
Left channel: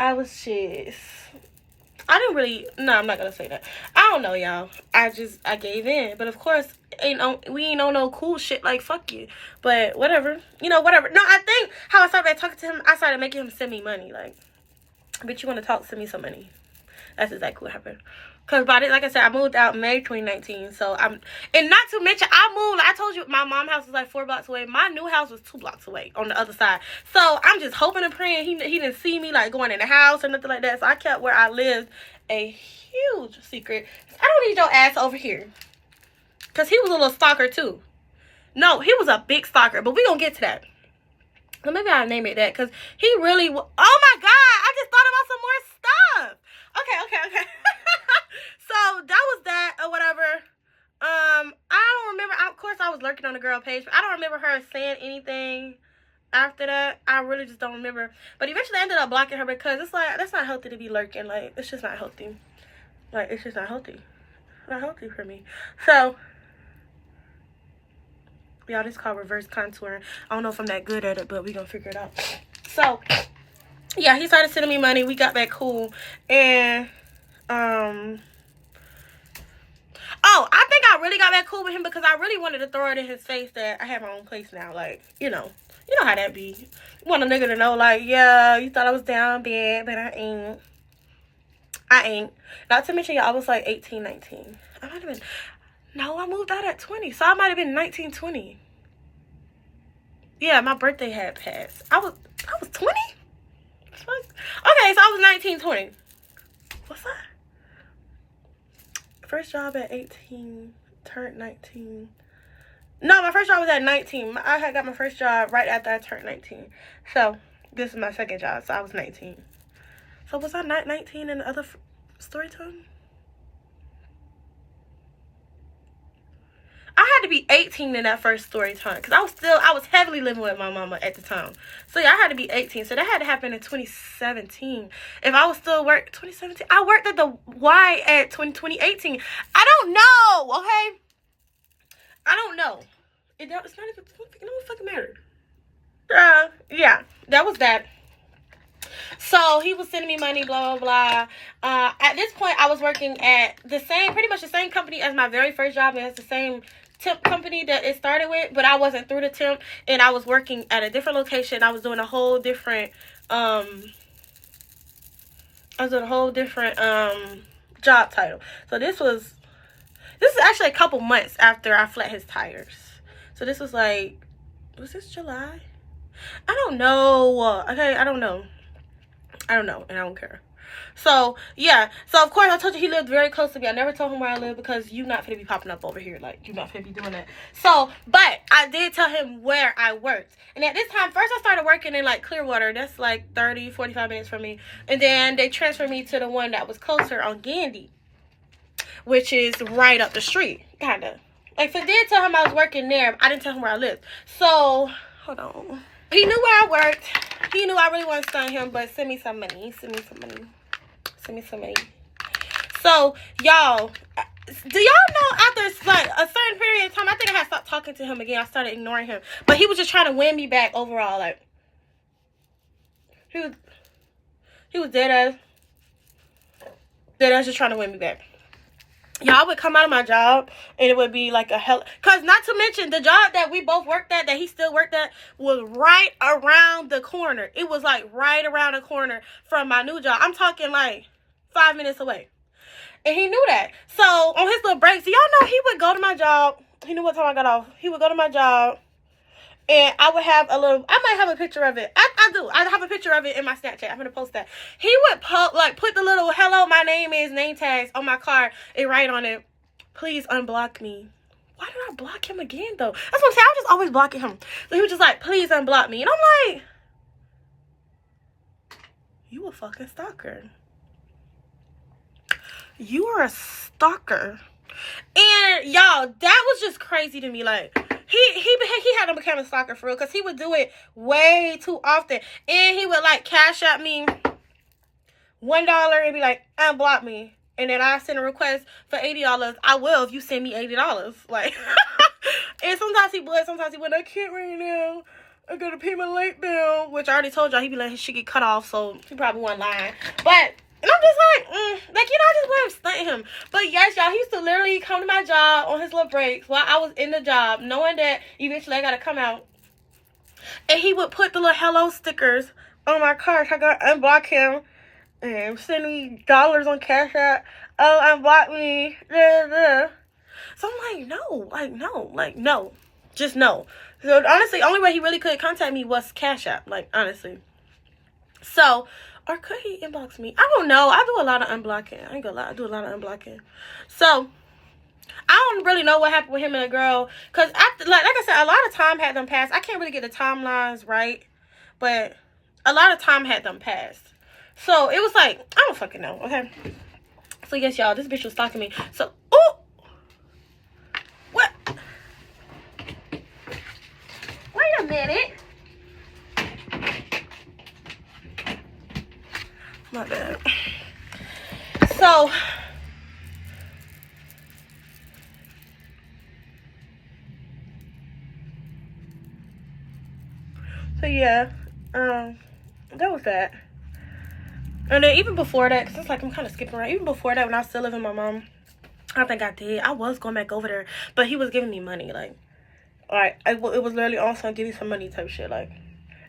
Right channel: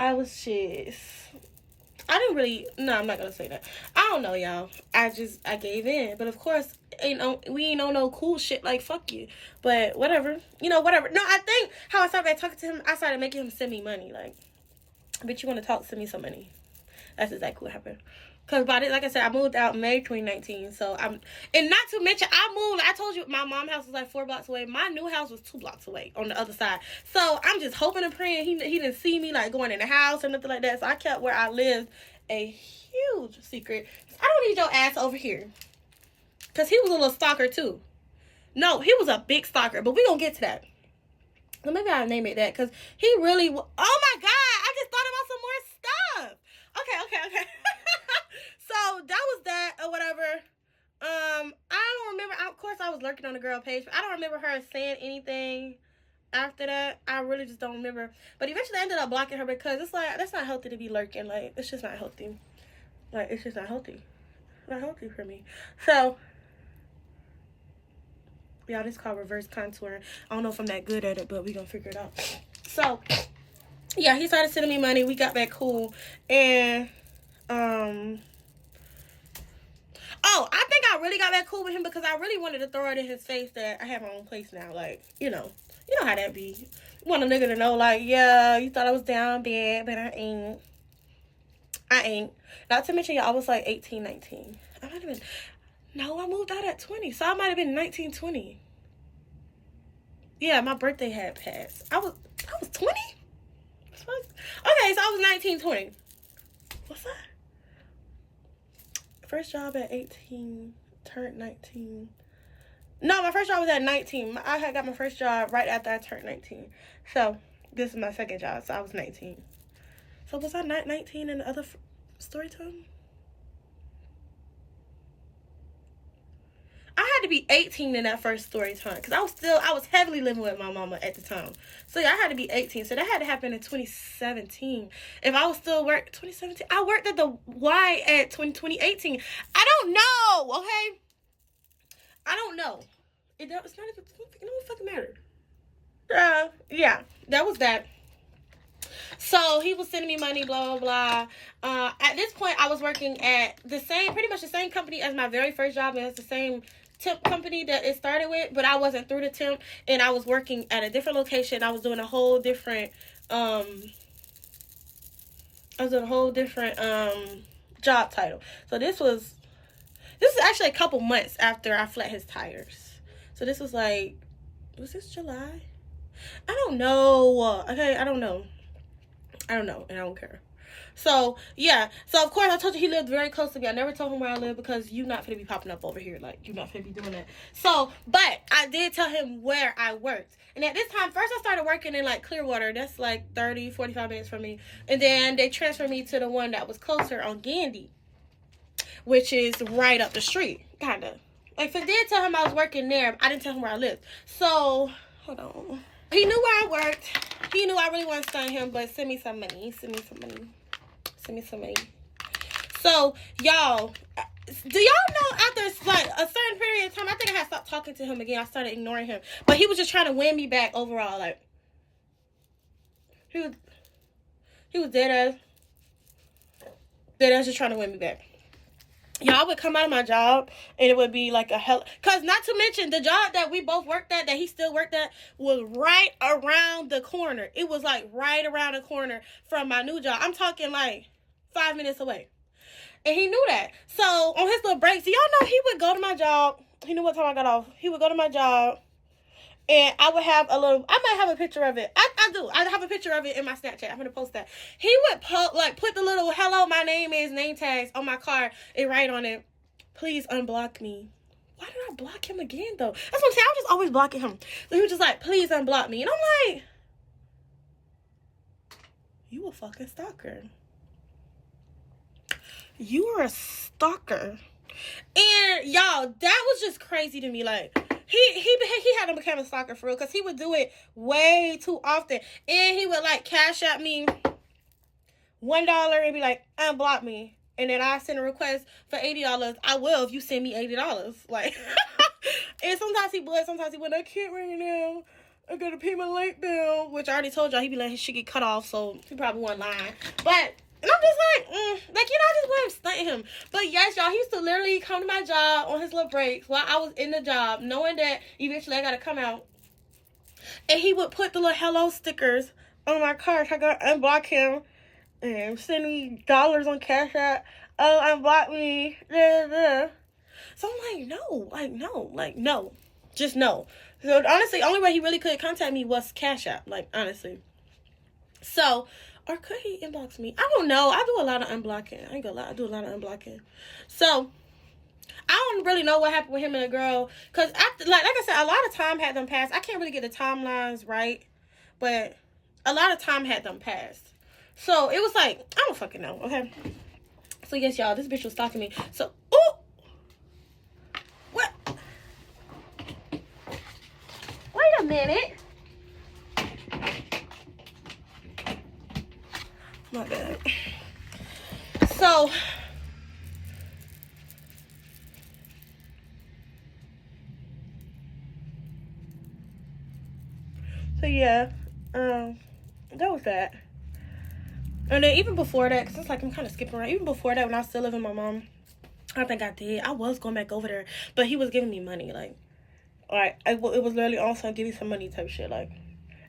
I was just, I didn't really, no, I'm not gonna say that. I don't know, y'all. I gave in. But of course, we ain't on no cool shit like fuck you. But whatever. You know, whatever. No, I think how I started talking to him, I started making him send me money. Like, bitch, you want to talk, send me some money. That's exactly what happened. Because like I said, I moved out May 2019. So and not to mention, I moved, I told you, my mom's house was like 4 blocks away. My new house was 2 blocks away on the other side. So I'm just hoping and praying he didn't see me like going in the house or nothing like that. So I kept where I lived a huge secret. I don't need your ass over here. Because he was a little stalker too. No, he was a big stalker. But we gonna get to that. So maybe I'll name it that. Because he really, oh my God, I just thought about some more stuff. Okay. So that was that or whatever. I don't remember. Of course, I was lurking on the girl page, but I don't remember her saying anything after that. I really just don't remember. But eventually, I ended up blocking her because it's like that's not healthy to be lurking. Like it's just not healthy. Like it's just not healthy. Not healthy for me. So y'all, this is called reverse contouring. I don't know if I'm that good at it, but we gonna figure it out. So yeah, he started sending me money. We got back cool, and oh, I think I really got back cool with him because I really wanted to throw it in his face that I have my own place now. Like, you know how that be. You want a nigga to know, like, yeah, you thought I was down bad, but I ain't. Not to mention, y'all, I was like 18, 19. I might have been, no, I moved out at 20. So I might have been 19, 20. Yeah, my birthday had passed. I was 20? Okay, so I was 19, 20. What's that? First job at 18, turned 19. No, my first job was at 19. I had got my first job right after I turned 19. So, this is my second job, so I was 19. So, was I not 19 in the other story time? I had to be 18 in that first story time because I was heavily living with my mama at the time. So yeah, I had to be 18. So that had to happen in 2017. If I was still 2017, I worked at the Y at 2018. I don't know, okay? I don't know. It's not even, it don't fucking matter. Yeah, that was that. So he was sending me money, blah, blah, blah. At this point, I was working at pretty much the same company as my very first job. And it's the same temp company that it started with, but I wasn't through the temp, and I was working at a different location. I was doing a whole different, job title. So this is actually a couple months after I flat his tires. So this was like, was this July? I don't know. Okay, I don't know, and I don't care. So, yeah. So, of course, I told you he lived very close to me. I never told him where I live because you're not going to be popping up over here. Like, you're not going to be doing that. So, but I did tell him where I worked. And at this time, first I started working in, like, Clearwater. That's, like, 30, 45 minutes from me. And then they transferred me to the one that was closer on Gandy, which is right up the street, kind of. Like, so I did tell him I was working there. But I didn't tell him where I lived. So, hold on. He knew where I worked. He knew I really wanted to stun him, but send me some money. Send me some money. So, y'all, do y'all know after like a certain period of time, I think I had stopped talking to him again. I started ignoring him, but he was just trying to win me back overall. Like he was dead ass just trying to win me back. Y'all would come out of my job and it would be like a hell, cause not to mention the job that we both worked at, that he still worked at, was right around the corner. It was like right around the corner from my new job. I'm talking like 5 minutes away. And he knew that. So on his little breaks, y'all know he would go to my job. He knew what time I got off. He would go to my job and I would have I might have a picture of it. I do. I have a picture of it in my Snapchat. I'm going to post that. He would put the little hello, my name is name tags on my car and write on it, please unblock me. Why did I block him again though? That's what I'm saying. I was just always blocking him. So he was just like, please unblock me. And I'm like, you a fucking stalker. You are a stalker. And y'all, that was just crazy to me. Like, he had to become a stalker for real, because he would do it way too often. And he would like cash out me $1 and be like, unblock me. And then I send a request for $80. I will if you send me $80. Like, and sometimes he would, sometimes he wouldn't. I can't right now. I gotta pay my light bill. Which I already told y'all, he'd be letting his shit get cut off, so he probably wasn't lying. But And I'm just like, like, you know, I just want to stunt him. But yes, y'all, he used to literally come to my job on his little breaks while I was in the job, knowing that eventually I got to come out. And he would put the little hello stickers on my car so I got to unblock him and send me dollars on Cash App. Oh, unblock me. So I'm like, no. Just no. So honestly, the only way he really could contact me was Cash App. Like, honestly. So, or could he inbox me? I don't know. I do a lot of unblocking. I ain't gonna lie. I do a lot of unblocking. So, I don't really know what happened with him and the girl. Because, like I said, a lot of time had them passed. I can't really get the timelines right. But a lot of time had them passed. So, it was like, I don't fucking know. Okay. So, yes, y'all. This bitch was stalking me. So, ooh. What? Wait a minute. My bad. So yeah, that was that. And then even before that, because it's like I'm kind of skipping around. Even before that, when I was still living with my mom, I think I did. I was going back over there, but he was giving me money. Like, it was literally also give me some money type shit. Like,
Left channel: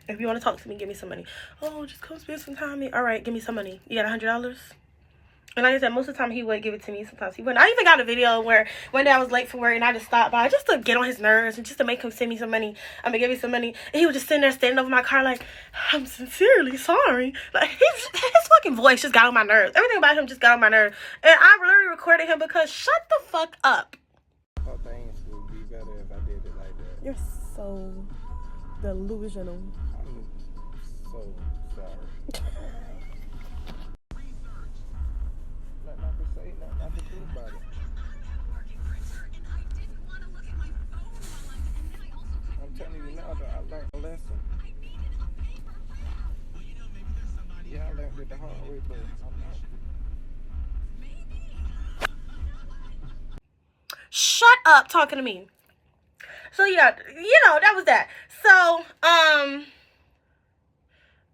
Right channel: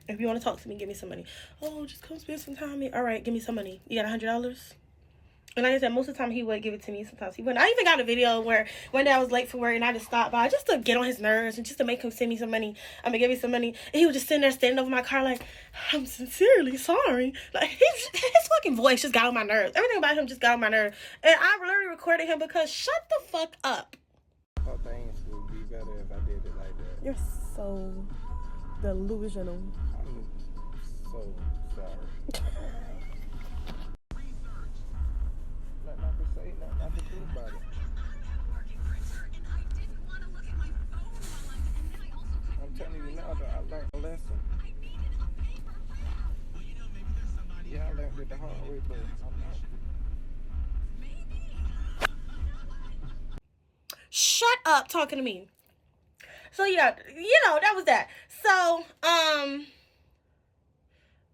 if you want to talk to me, give me some money. Oh, just come spend some time with me. All right, give me some money. You got $100? And like I said, most of the time he would give it to me. Sometimes he wouldn't. I even got a video where one day I was late for work and I just stopped by just to get on his nerves and just to make him send me some money. I'm gonna give me some money. And he was just sitting there standing over my car like, I'm sincerely sorry. Like, his fucking voice just got on my nerves. Everything about him just got on my nerves. And I literally recorded him because shut the fuck up. I thought things would be better if I did it like that. You're so delusional. I'm so sorry. Not to say, not to think about it. I'm telling you now that I learned a lesson. Yeah, I learned it the hard way, but I'm not. Shut up talking to me. So yeah, you know, that was that. So,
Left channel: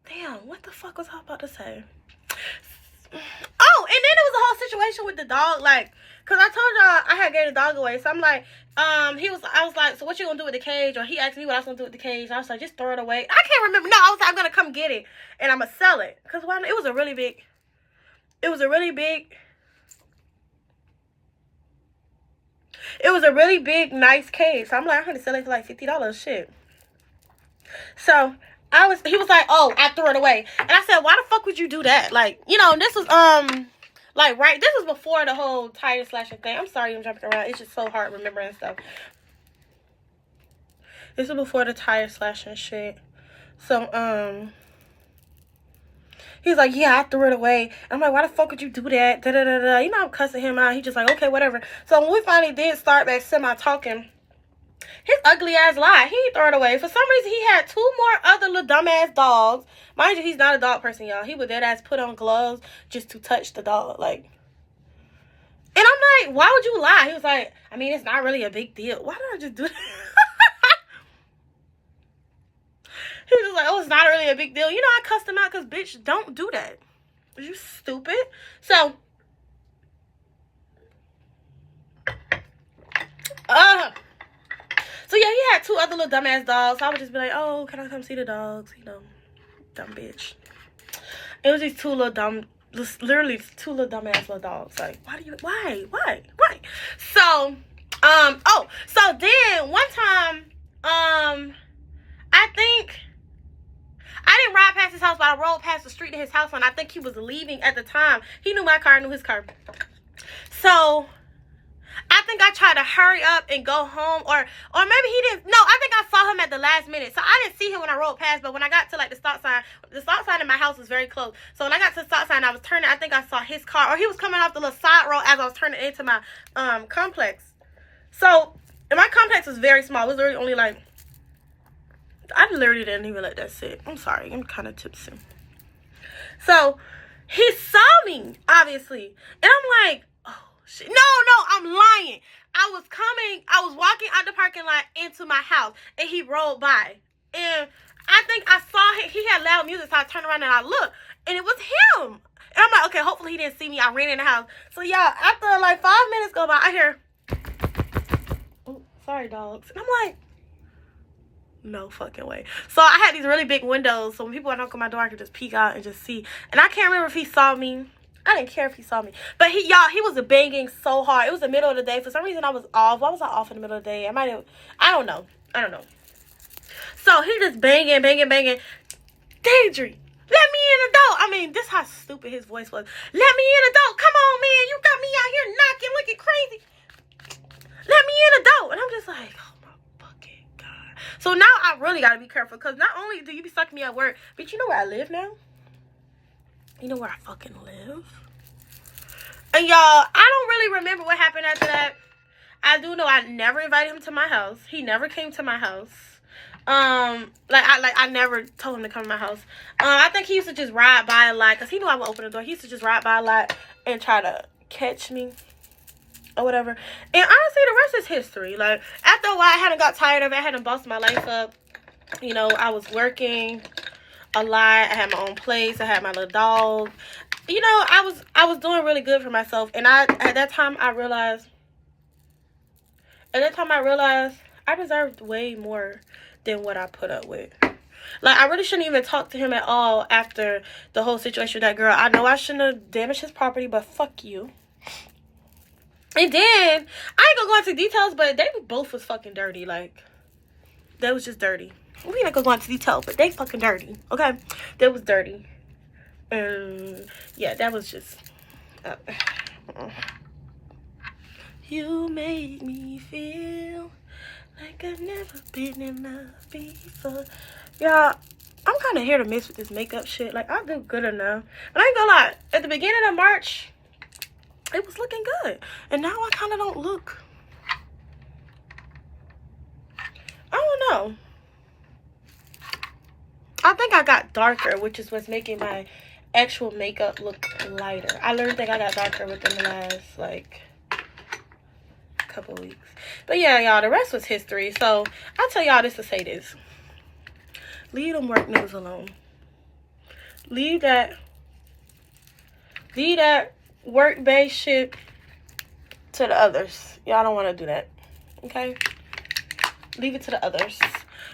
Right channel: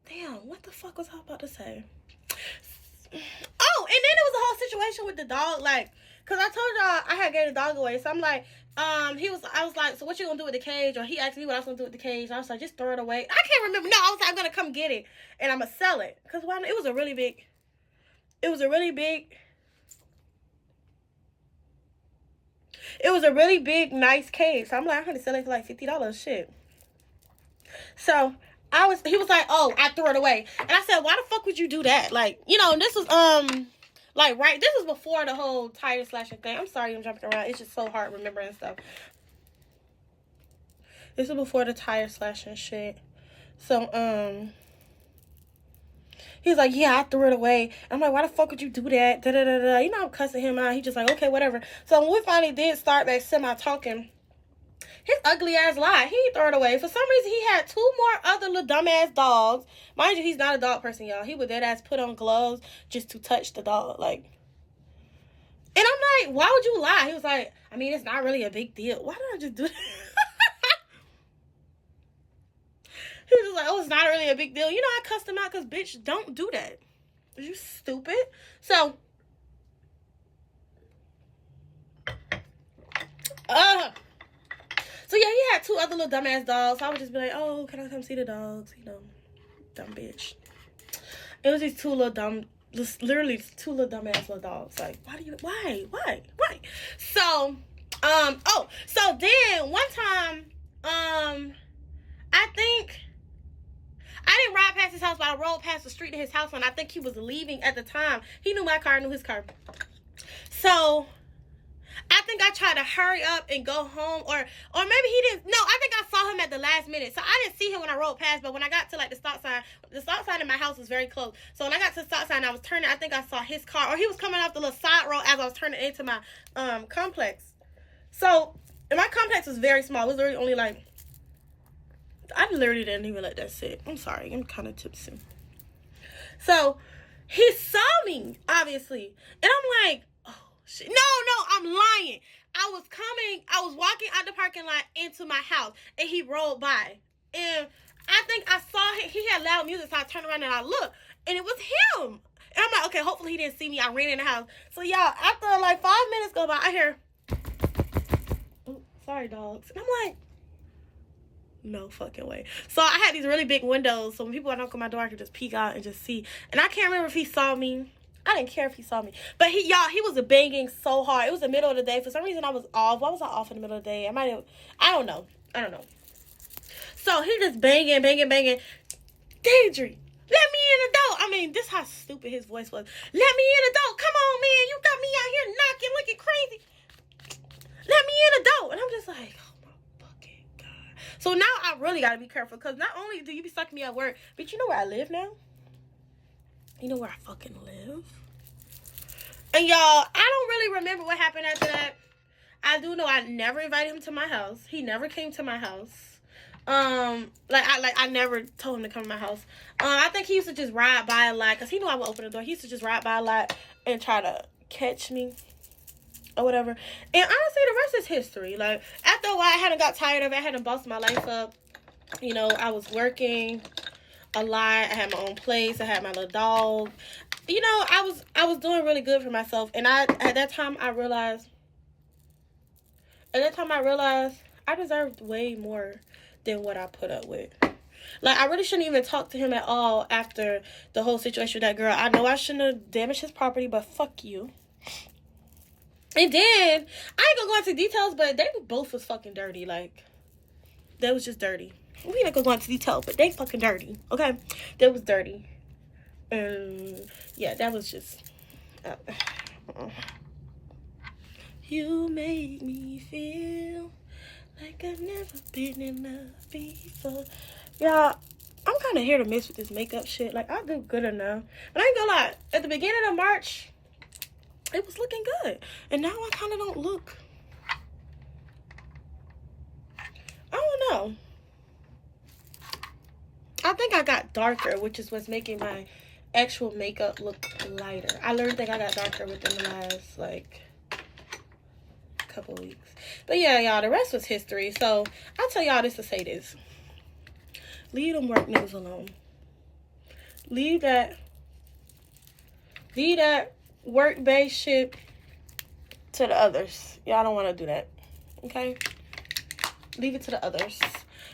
damn, what the fuck was I about to say? Oh, and then it was a whole situation with the dog, like, cause I told y'all I had gave the dog away, so I'm like, I was like, so what you gonna do with the cage? Or he asked me what I was gonna do with the cage. I was like, just throw it away. I can't remember. No, I was like, I'm gonna come get it and I'm gonna sell it, cause it was a really big, nice cage. So I'm like, I'm gonna sell it for like $50. Shit. So he was like, oh, I threw it away. And I said, why the fuck would you do that? Like, you know, this was, this was before the whole tire slashing thing. I'm sorry I'm jumping around. It's just so hard remembering stuff. This was before the tire slashing shit. So, he's like, yeah, I threw it away. I'm like, why the fuck would you do that? Da da da da. You know, I'm cussing him out. He's just like, okay, whatever. So when we finally did start back semi-talking, his ugly ass lied. He threw it away. For some reason, he had 2 more other little dumbass dogs. Mind you, he's not a dog person, y'all. He would dead ass put on gloves just to touch the dog. Like, and I'm like, why would you lie? He was like, I mean, it's not really a big deal. Why did I just do that? He was like, oh, it's not really a big deal. You know, I cussed him out because, bitch, don't do that. Are you stupid? So, so yeah, he had 2 other little dumbass dogs. So I would just be like, oh, can I come see the dogs? You know, dumb bitch. It was these 2 little literally 2 little dumbass little dogs. Like, why? So, so then one time, I think I didn't ride past his house, but I rode past the street to his house, and I think he was leaving at the time. He knew my car, I knew his car. So I think I tried to hurry up and go home, or maybe he didn't. No, I think I saw him at the last minute. So I didn't see him when I rode past, but when I got to like the stop sign in my house was very close. So when I got to the stop sign, I was turning, I think I saw his car, or he was coming off the little side road as I was turning into my complex. So, and my complex was very small. It was literally only like, I literally didn't even let that sit. I'm sorry, I'm kind of tipsy. So he saw me, obviously, and I'm like, oh shit. No, I'm lying. I was walking out the parking lot into my house, and he rolled by, and I think I saw him. He had loud music, so I turned around and I looked, and it was him. And I'm like, okay, hopefully he didn't see me. I ran in the house. So, y'all, after like 5 minutes go by, I hear, oh, sorry, dogs. And I'm like, no fucking way. So I had these really big windows, so when people knock on my door, I could just peek out and just see. And I can't remember if he saw me. I didn't care if he saw me. But he was banging so hard. It was the middle of the day. For some reason, I was off. Why was I off in the middle of the day? I don't know. So he just banging. Deidre, let me in the door. I mean, this how stupid his voice was. Let me in the door. Come on, man. You got me out here knocking, looking crazy. Let me in the door. And I'm just like, oh my fucking God. So now I really got to be careful. Because not only do you be sucking me at work, but you know where I live now? You know where I fucking live? And y'all, I don't really remember what happened after that. I do know I never invited him to my house. He never came to my house. I never told him to come to my house. I think he used to just ride by a lot, because he knew I would open the door. He used to just ride by a lot and try to catch me or whatever. And honestly, the rest is history. Like, after a while, I hadn't got tired of it. I hadn't bossed my life up. You know, I was working a lot. I had my own place. I had my little dog. You know, I was doing really good for myself. And at that time I realized I deserved way more than what I put up with. Like, I really shouldn't even talk to him at all after the whole situation with that girl. I know I shouldn't have damaged his property, but fuck you. And then, I ain't gonna go into details, but they both was fucking dirty. Like, they was just dirty. We ain't gonna go into details, but they fucking dirty, okay? They was dirty. And, yeah, that was just... You made me feel like I've never been in love before. Y'all, I'm kind of here to miss with this makeup shit. Like, I do good enough. But I ain't gonna lie. At the beginning of March, it was looking good. And now I kind of don't look. I don't know. I think I got darker, which is what's making my actual makeup look lighter. I literally think I got darker within the last, like... couple weeks. But yeah, y'all, the rest was history. So I'll tell y'all this to say this: leave them work niggas alone. Leave that work-based shit to the others. Y'all don't want to do that, okay? Leave it to the others.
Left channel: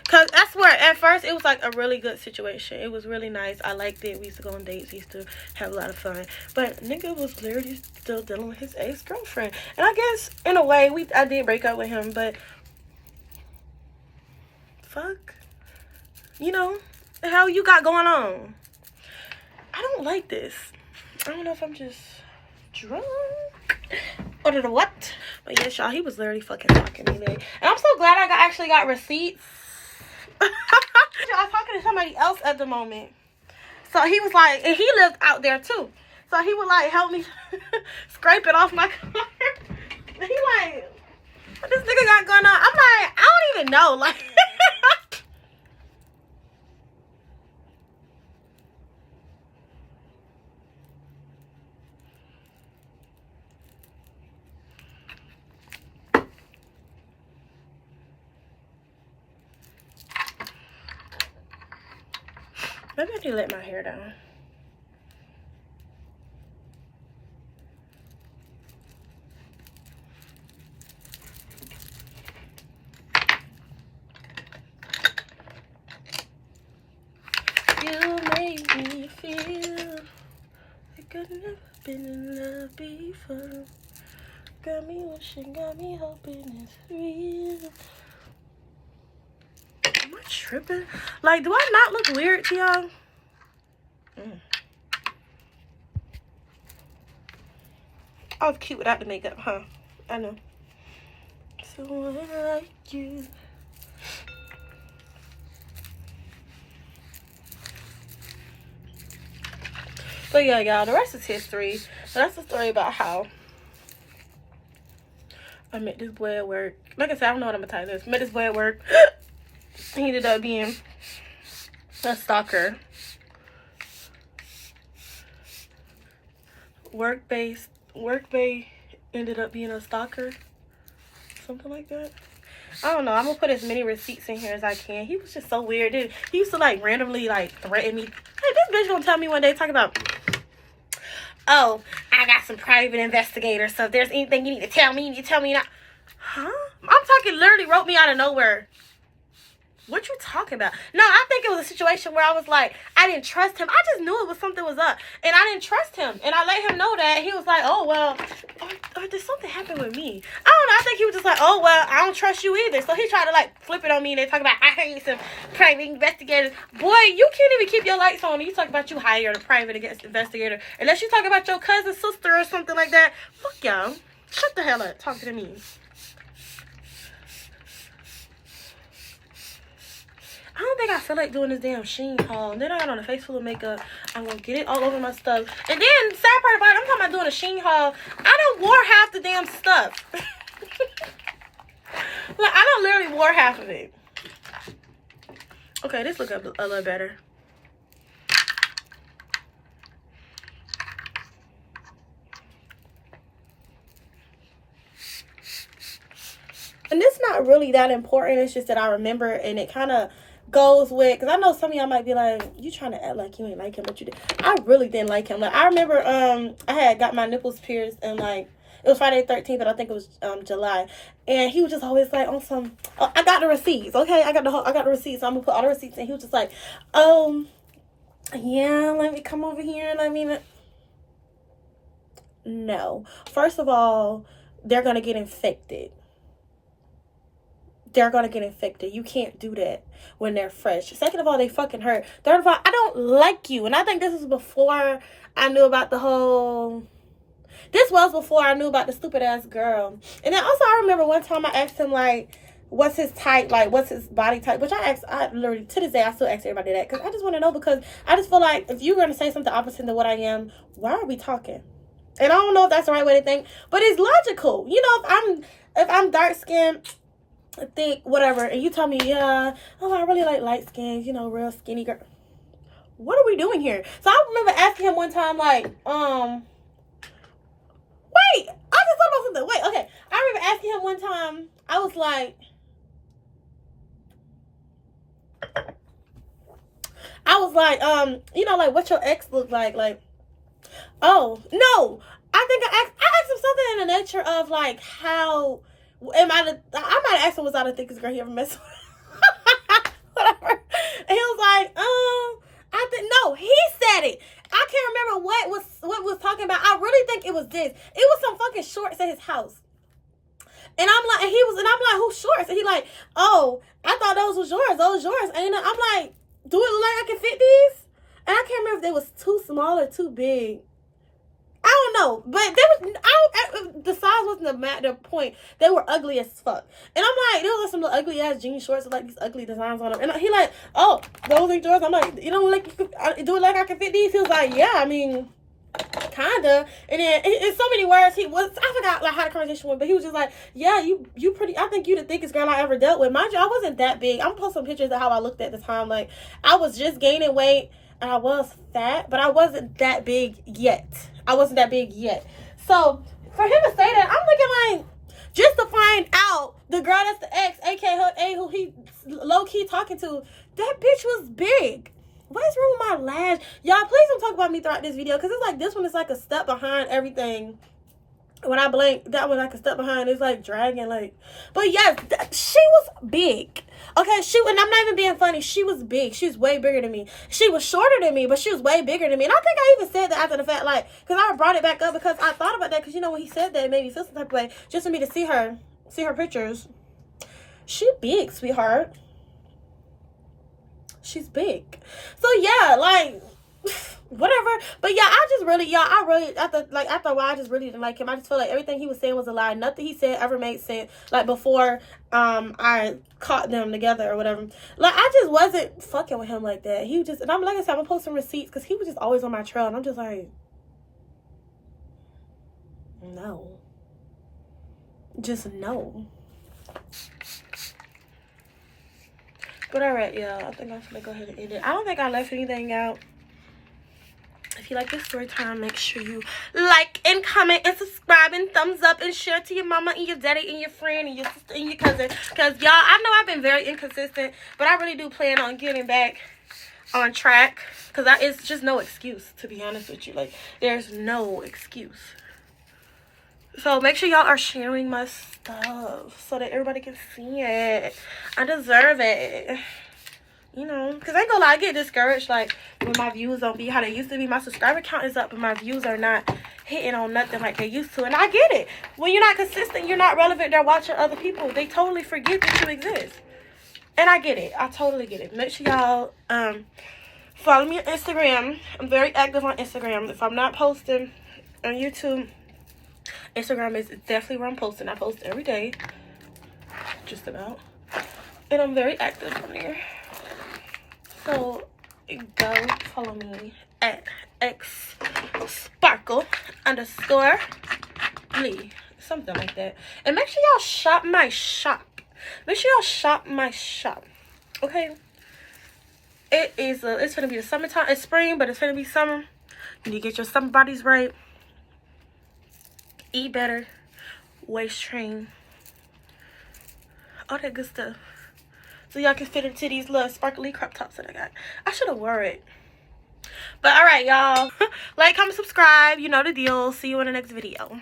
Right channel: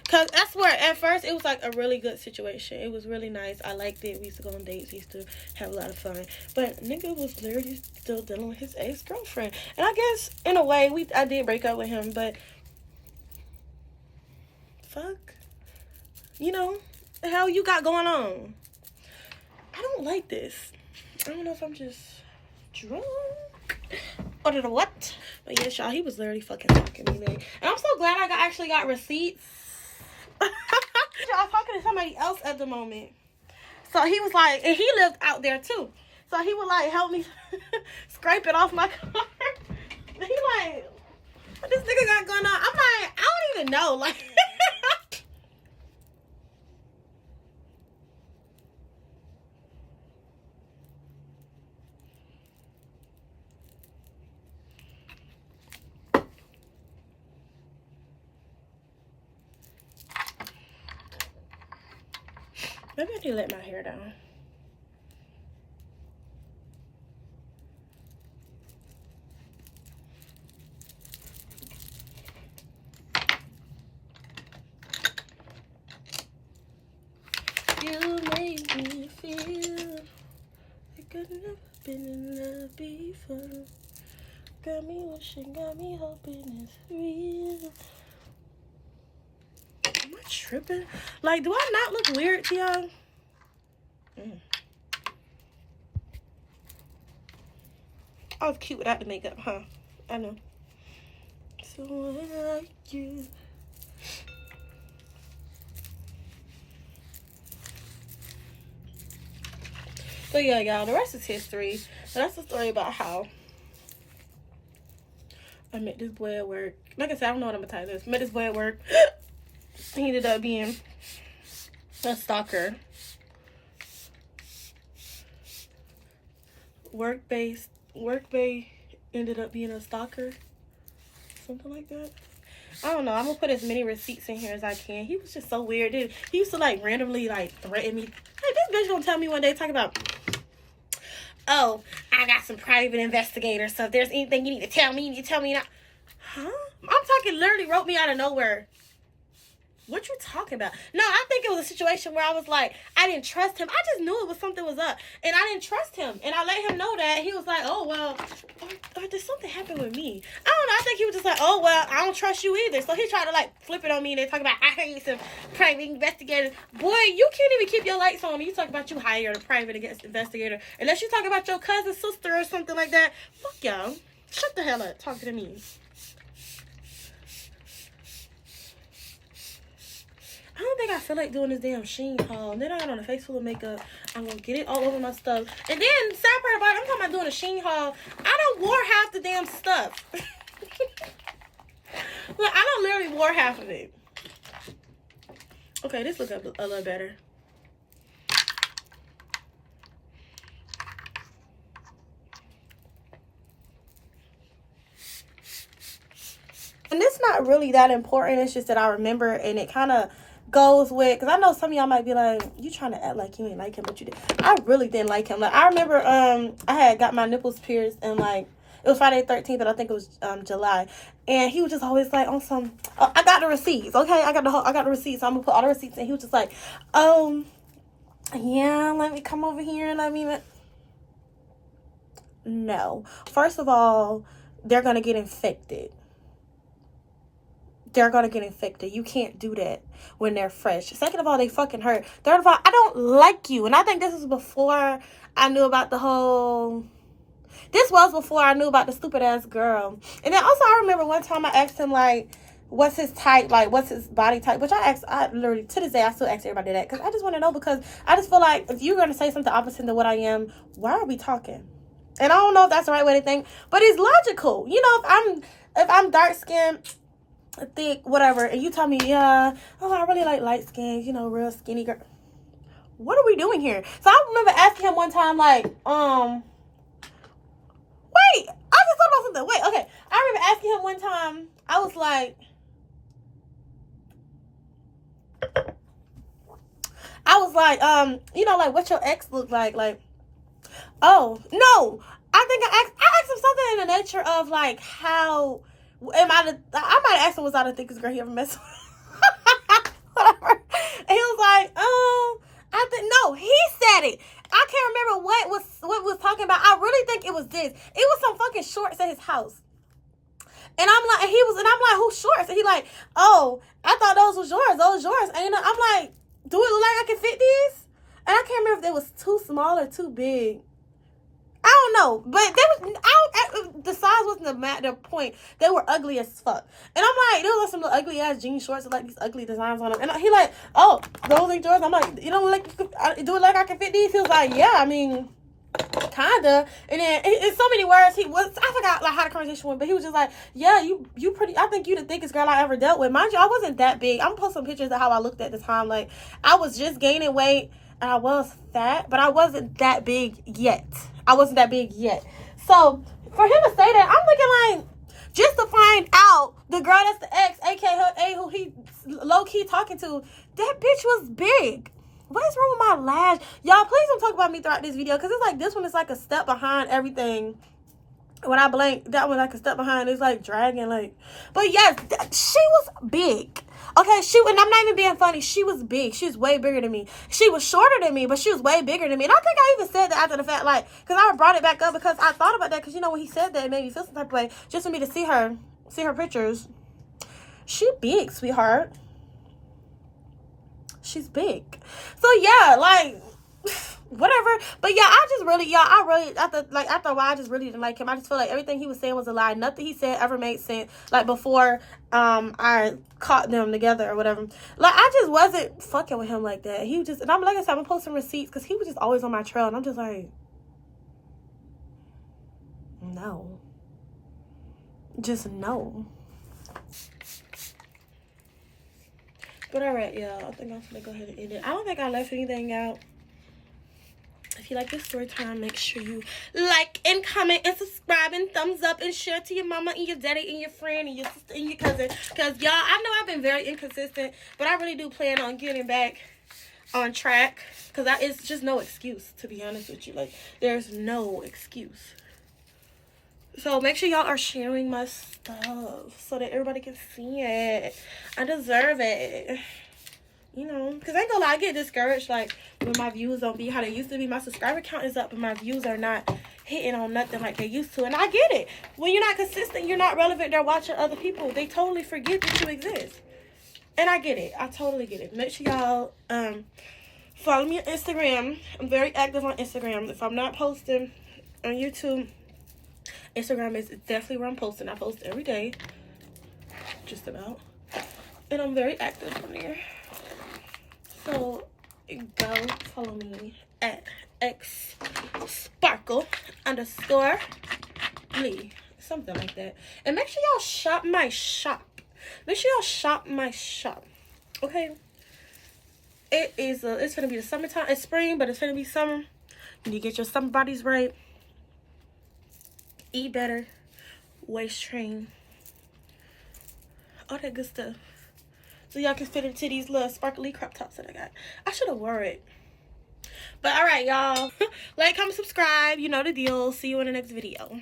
Because that's where, at first, it was like a really good situation. It was really nice. I liked it. We used to go on dates. We used to have a lot of fun. But nigga was literally still dealing with his ex-girlfriend. And I guess, in a way, I did break up with him. But, fuck. You know, the hell you got going on? I don't like this. I don't know if I'm just drunk or what. But yes, y'all, he was literally fucking talking to me. And I'm so glad I actually got receipts. I was talking to somebody else at the moment. So he was like, and he lived out there too. So he would like help me scrape it off my car. And he like, what this nigga got going on? I'm like, I don't even know. Like, maybe I can let my hair down. You made me feel like I've never been in love before. Got me wishing, got me hoping it's real. Am I tripping? Like, do I not look weird to y'all? I was cute without the makeup, huh? I know. So I like you. So yeah, y'all, the rest is history. So that's the story about how I met this boy at work. Like I said, I don't know what I'm gonna title this. Met this boy at work. He ended up being a stalker. Work-based ended up being a stalker. Something like that. I don't know. I'm gonna put as many receipts in here as I can. He was just so weird, dude. He used to like randomly like threaten me. Hey, this bitch gonna tell me one day talking about, oh, I got some private investigators, so if there's anything you need to tell me, you tell me now. Huh? I'm talking literally wrote me out of nowhere. What you talking about? No, I think it was a situation where I was like, I didn't trust him. I just knew it was something was up. And I didn't trust him. And I let him know that. He was like, oh, well, or did something happen with me? I don't know. I think he was just like, oh, well, I don't trust you either. So he tried to, like, flip it on me. And they talk about, I hate some private investigators. Boy, you can't even keep your lights on. You talk about you hired a private investigator. Unless you talk about your cousin, sister, or something like that. Fuck y'all. Shut the hell up. Talk to me. I don't think I feel like doing this damn Sheen haul. And then I got on a face full of makeup. I'm going to get it all over my stuff. And then, sad part about it, I'm talking about doing a Sheen haul. I done wore half the damn stuff. Like, I done literally wore half of it. Okay, this look a little better. And it's not really that important. It's just that I remember, and it kind of goes with, because I know some of y'all might be like, you trying to act like you ain't like him, but you did. I really didn't like him. Like, I remember I had got my nipples pierced, and like, it was Friday the 13th, but I think it was July. And he was just always like on some, I got the receipts, okay? I got the receipts, so I'm gonna put all the receipts. And he was just like, yeah, let me come over here, let me. No. First of all, they're gonna get infected. They're gonna get infected. You can't do that when they're fresh. Second of all, they fucking hurt. Third of all, I don't like you. And I think this was before I knew about the whole... This was before I knew about the stupid ass girl. And then also I remember one time I asked him, like, what's his type? Like, what's his body type? Which I literally, to this day, I still ask everybody that. Because I just want to know, because I just feel like if you're going to say something opposite to what I am, why are we talking? And I don't know if that's the right way to think. But it's logical. You know, if I'm dark-skinned, thick, whatever, and you tell me, yeah, oh, I really like light skin, you know, real skinny girl. What are we doing here? So I remember asking him one time, like, wait, I just thought about something. Wait, okay. I remember asking him one time, I was like, you know, like, what your ex look like? Like, oh, no. I think I asked him something in the nature of, like, how... I might have asked him, was I the thickest girl he ever messed with? Whatever. And he was like, I think, no, he said it. I can't remember what was talking about. I really think it was this. It was some fucking shorts at his house. And I'm like, and I'm like, whose shorts? And he like, oh, I thought those was yours. And you know, I'm like, do it look like I can fit these? And I can't remember if they was too small or too big. I don't know, but the size wasn't the point. They were ugly as fuck. And I'm like, there was some little ugly ass jean shorts with like these ugly designs on them. And he like, oh, those are yours? I'm like, you know, like, do it like I can fit these? He was like, yeah, I mean, kinda. And then in so many words, I forgot like how the conversation went, but he was just like, yeah, you pretty, I think you the thickest girl I ever dealt with. Mind you, I wasn't that big. I'm gonna post some pictures of how I looked at the time. Like, I was just gaining weight. And I was fat, but I wasn't that big yet. So, for him to say that, I'm looking like, just to find out, the girl that's the ex, aka who he low-key talking to, that bitch was big. What is wrong with my lash? Y'all, please don't talk about me throughout this video, because it's like, this one is like a step behind everything. When I blink, that one like a step behind. It's like dragging, like. But yes, she was big. Okay, and I'm not even being funny. She was big. She was way bigger than me. She was shorter than me, but she was way bigger than me. And I think I even said that after the fact, like, because I brought it back up because I thought about that. Because, you know, when he said that, it made me feel some type of way. Just for me to see her pictures. She big, sweetheart. She's big. So, yeah, like... whatever. But yeah, after a while, I just really didn't like him. I just feel like everything he was saying was a lie. Nothing he said ever made sense. Like before I caught them together or whatever. Like I just wasn't fucking with him like that. He just, and I'm like I said, I'm gonna post some receipts because he was just always on my trail, and I'm just like, no. Just no. But alright, y'all. I think I'm gonna go ahead and end it. I don't think I left anything out. If you like this story time, make sure you like and comment and subscribe and thumbs up and share to your mama and your daddy and your friend and your sister and your cousin. Because, y'all, I know I've been very inconsistent, but I really do plan on getting back on track, because that is just no excuse, to be honest with you. Like, there's no excuse. So make sure y'all are sharing my stuff so that everybody can see it. I deserve it. You know, because I ain't gonna lie, I get discouraged, like, when my views don't be how they used to be. My subscriber count is up, but my views are not hitting on nothing like they used to. And I get it. When you're not consistent, you're not relevant, they're watching other people. They totally forget that you exist. And I get it. I totally get it. Make sure y'all follow me on Instagram. I'm very active on Instagram. If I'm not posting on YouTube, Instagram is definitely where I'm posting. I post every day. Just about. And I'm very active on there. So go follow me at xsparkle_me, something like that. And make sure y'all shop my shop. Make sure y'all shop my shop. Okay. It's gonna be the summertime. It's spring, but it's gonna be summer. You need to get your summer bodies right. Eat better. Waist train. All that good stuff. So y'all can fit into these little sparkly crop tops that I got. I should have wore it. But alright, y'all. Like, comment, subscribe. You know the deal. See you in the next video.